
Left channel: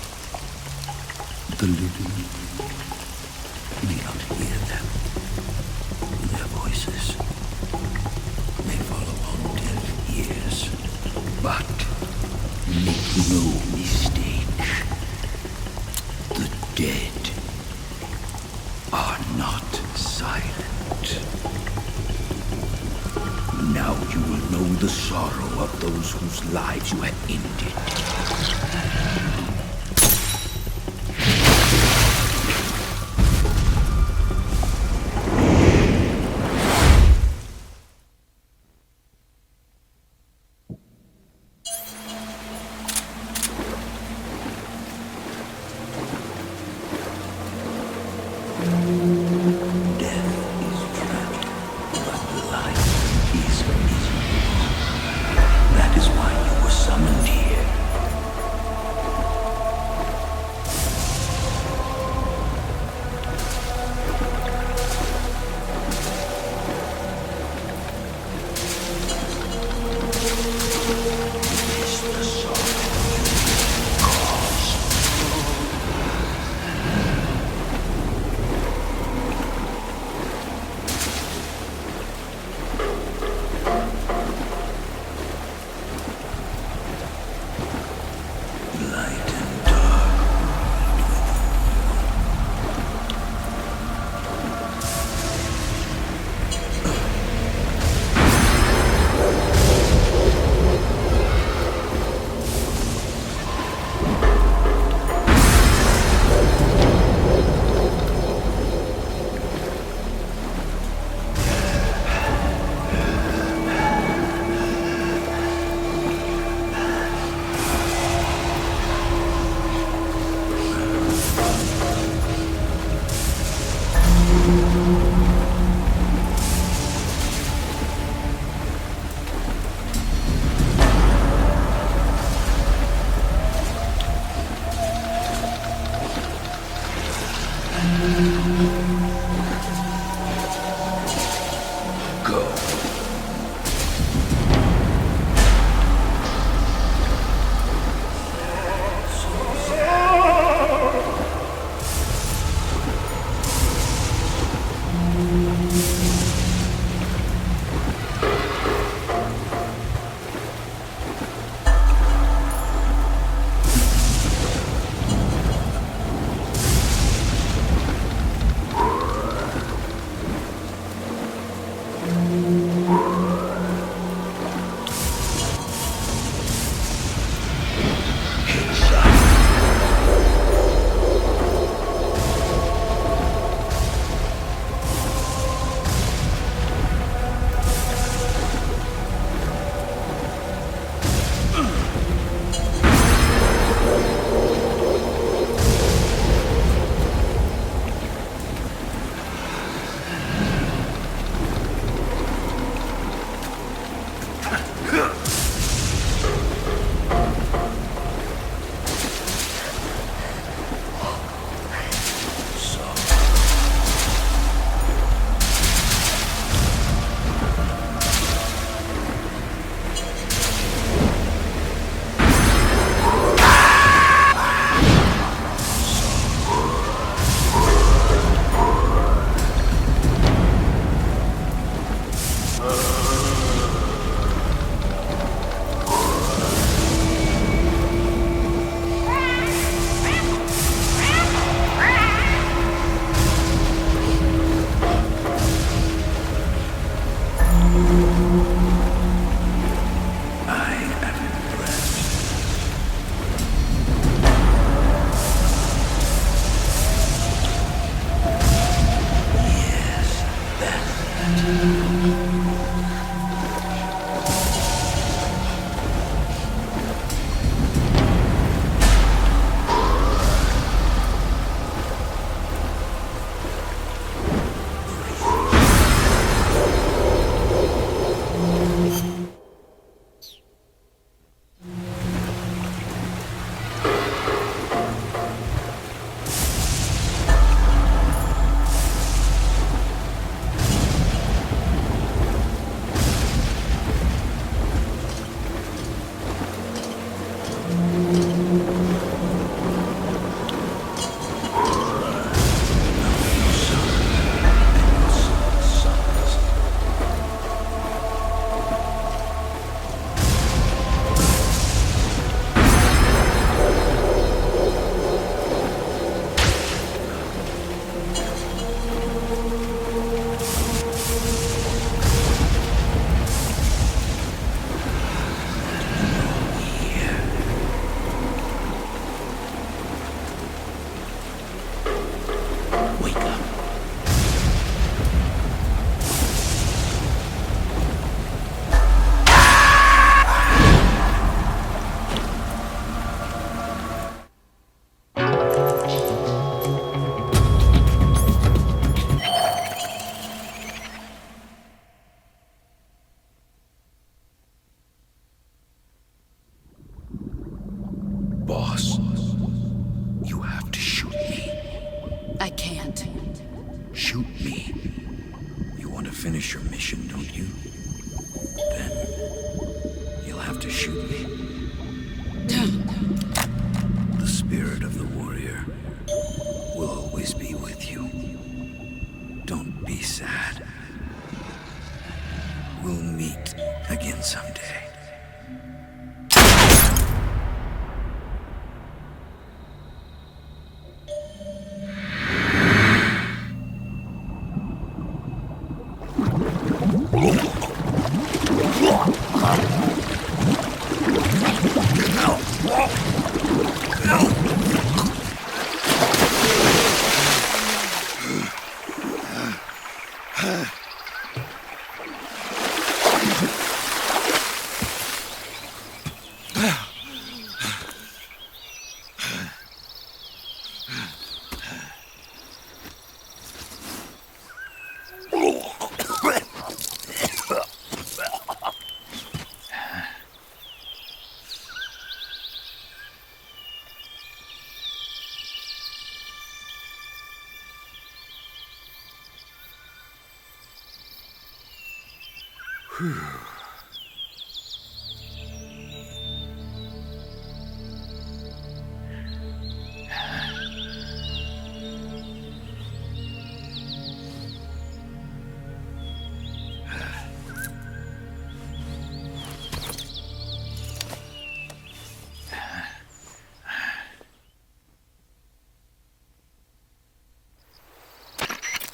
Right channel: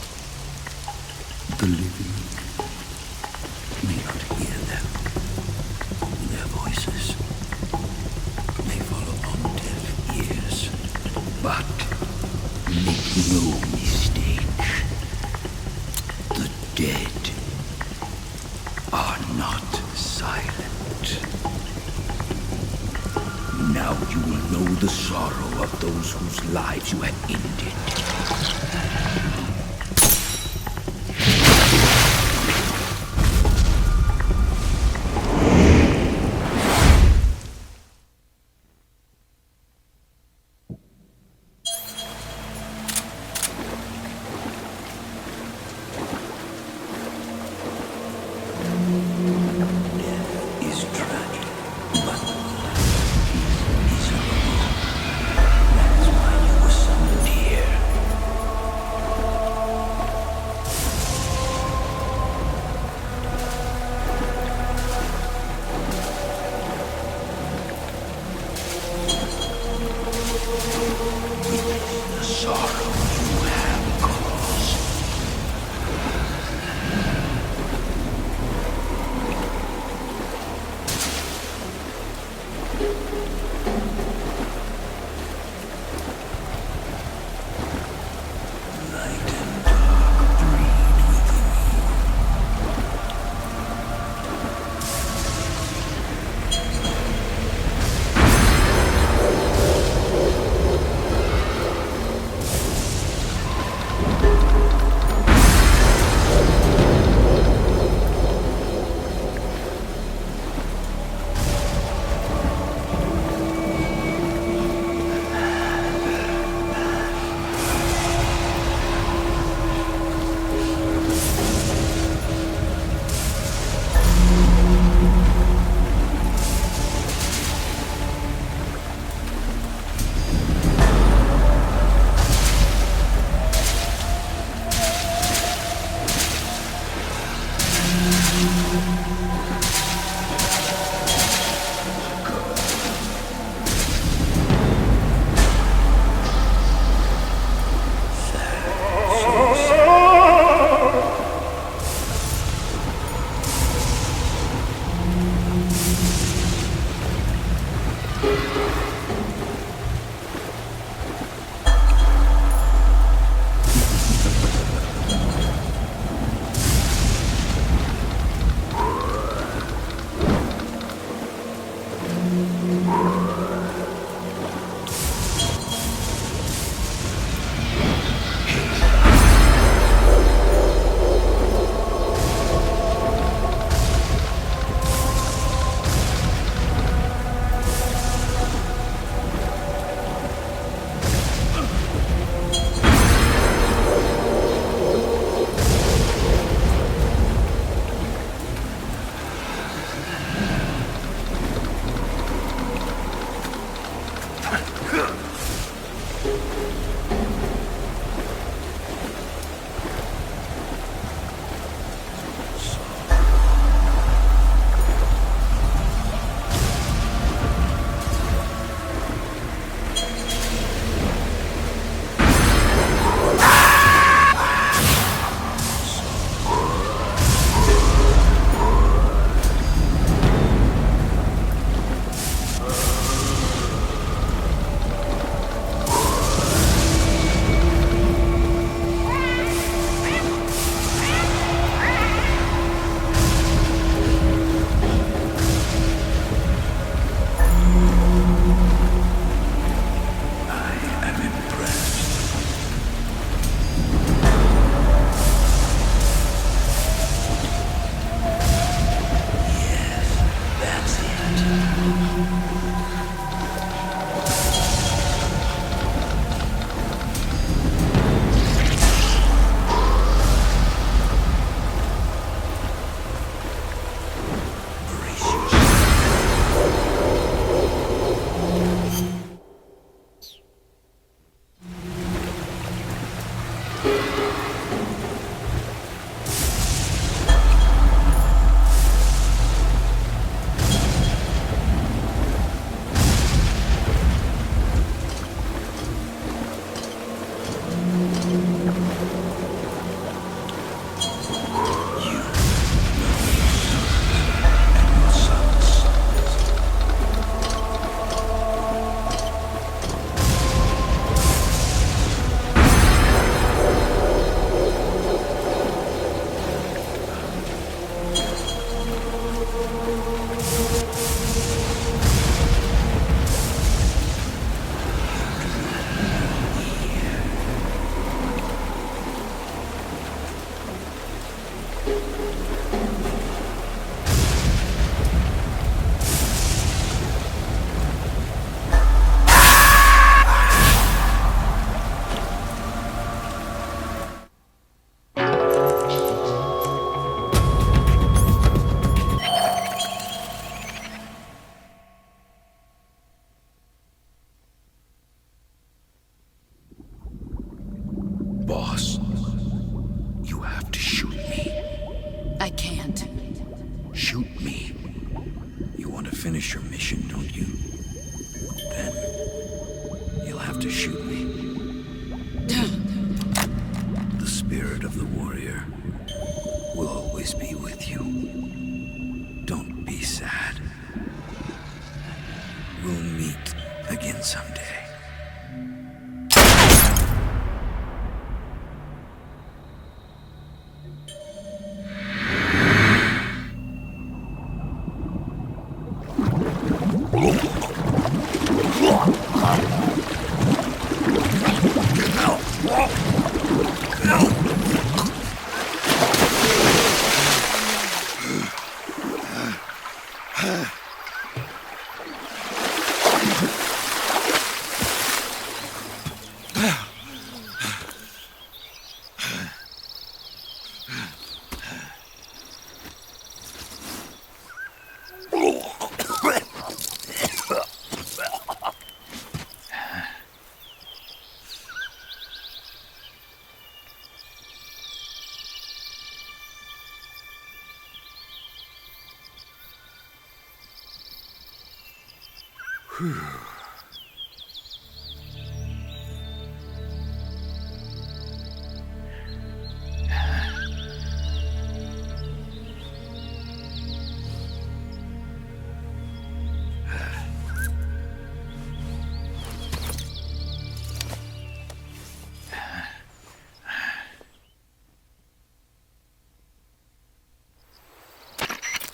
The living may not hear them. Their voices may fall upon deaf ears. But make no mistake. The dead are not silent. Now you will know the sorrow of those whose lives you have ended. Boss, you have to shoot me. I can't. Shoot me. You want to finish your mission, don't you? Then you'll have to shoot me. The spirit of the warrior will always be with you. Don't be sad. We'll meet again someday.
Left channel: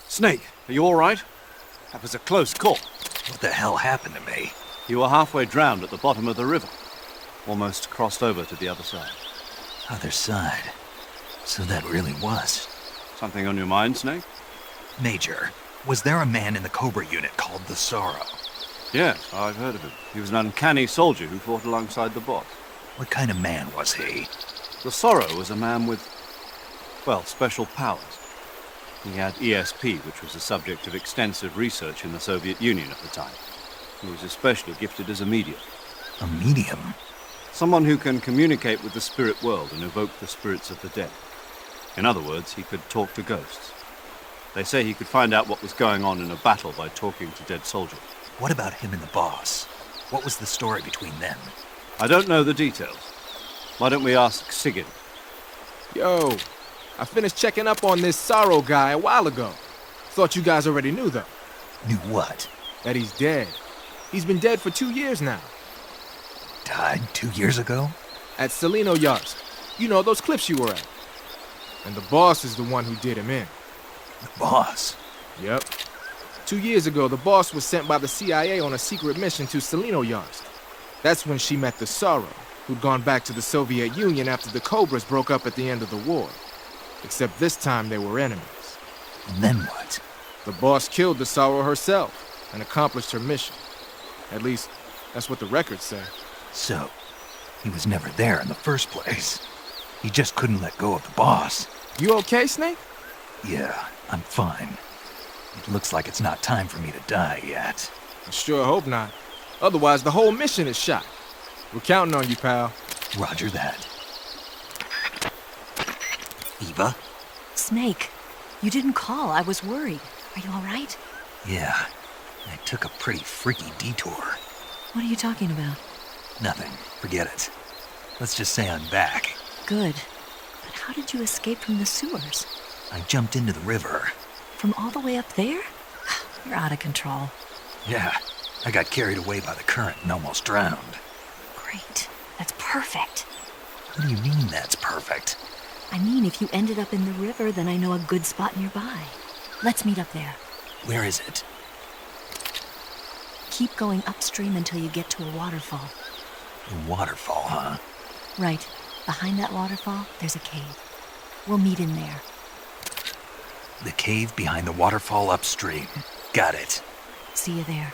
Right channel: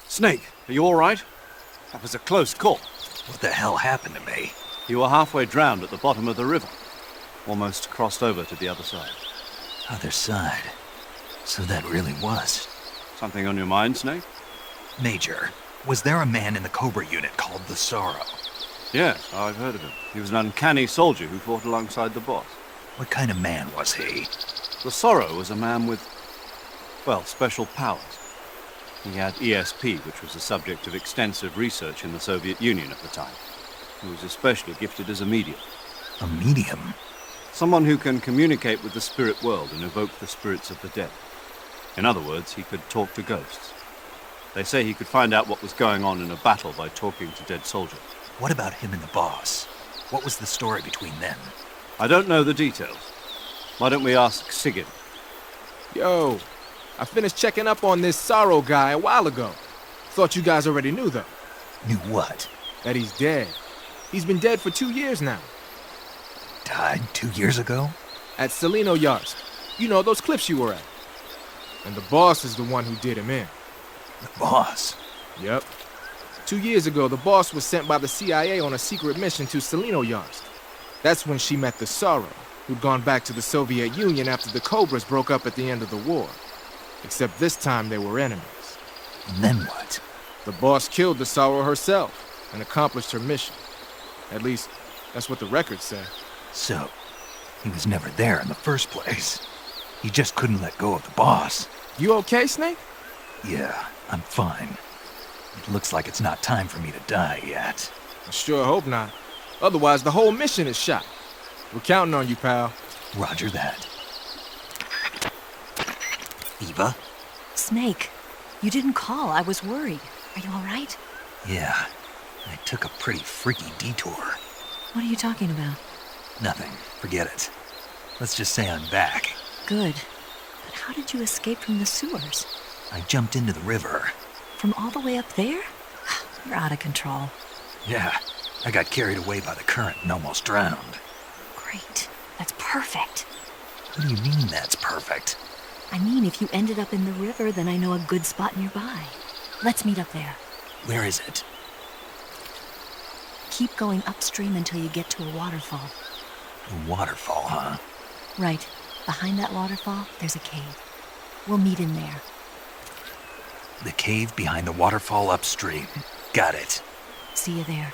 Snake, are you all right? That was a close call. What the hell happened to me? You were halfway drowned at the bottom of the river. Almost crossed over to the other side. Other side. So that really was. Something on your mind, Snake? Major, was there a man in the Cobra unit called the Sorrow? Yes, I've heard of him. He was an uncanny soldier who fought alongside the boss. What kind of man was he? The Sorrow was a man with, well, special powers. He had ESP, which was the subject of extensive research in the Soviet Union at the time. who is especially gifted as a medium. A medium? Someone who can communicate with the spirit world and evoke the spirits of the dead. In other words, he could talk to ghosts. They say he could find out what was going on in a battle by talking to dead soldiers. What about him and the boss? What was the story between them? I don't know the details. Why don't we ask Sigurd? Yo, I finished checking up on this Sorrow guy a while ago. Thought you guys already knew, though. Knew what? That he's dead. He's been dead for 2 years now. Died 2 years ago? At Selino Yarsk. You know, those cliffs you were at. And the boss is the one who did him in. The boss? Yep. 2 years ago, the boss was sent by the CIA on a secret mission to Selino Yarsk. That's when she met the Sorrow, who'd gone back to the Soviet Union after the Cobras broke up at the end of the war. Except this time they were enemies. And then what? The boss killed the Sorrow herself and accomplished her mission. At least, that's what the records say. So, he was never there in the first place. He just couldn't let go of the boss. You okay, Snake? Yeah, I'm fine. It looks like it's not time for me to die yet. I sure hope not. Otherwise, the whole mission is shot. We're counting on you, pal. Roger that. Eva? Snake, you didn't call. I was worried. Are you all right? Yeah, I took a pretty freaky detour. What are you talking about? Nothing. Forget it. Let's just say I'm back. Good. But how did you escape from the sewers? I jumped into the river. From all the way up there? You're out of control. Yeah, I got carried away by the current and almost drowned. Great. That's perfect. What do you mean that's perfect? I mean, if you ended up in the river, then I know a good spot nearby. Let's meet up there. Where is it? Keep going upstream until you get to a waterfall. A waterfall, huh? Right. Behind that waterfall, there's a cave. We'll meet in there. The cave behind the waterfall upstream. Got it. See you there.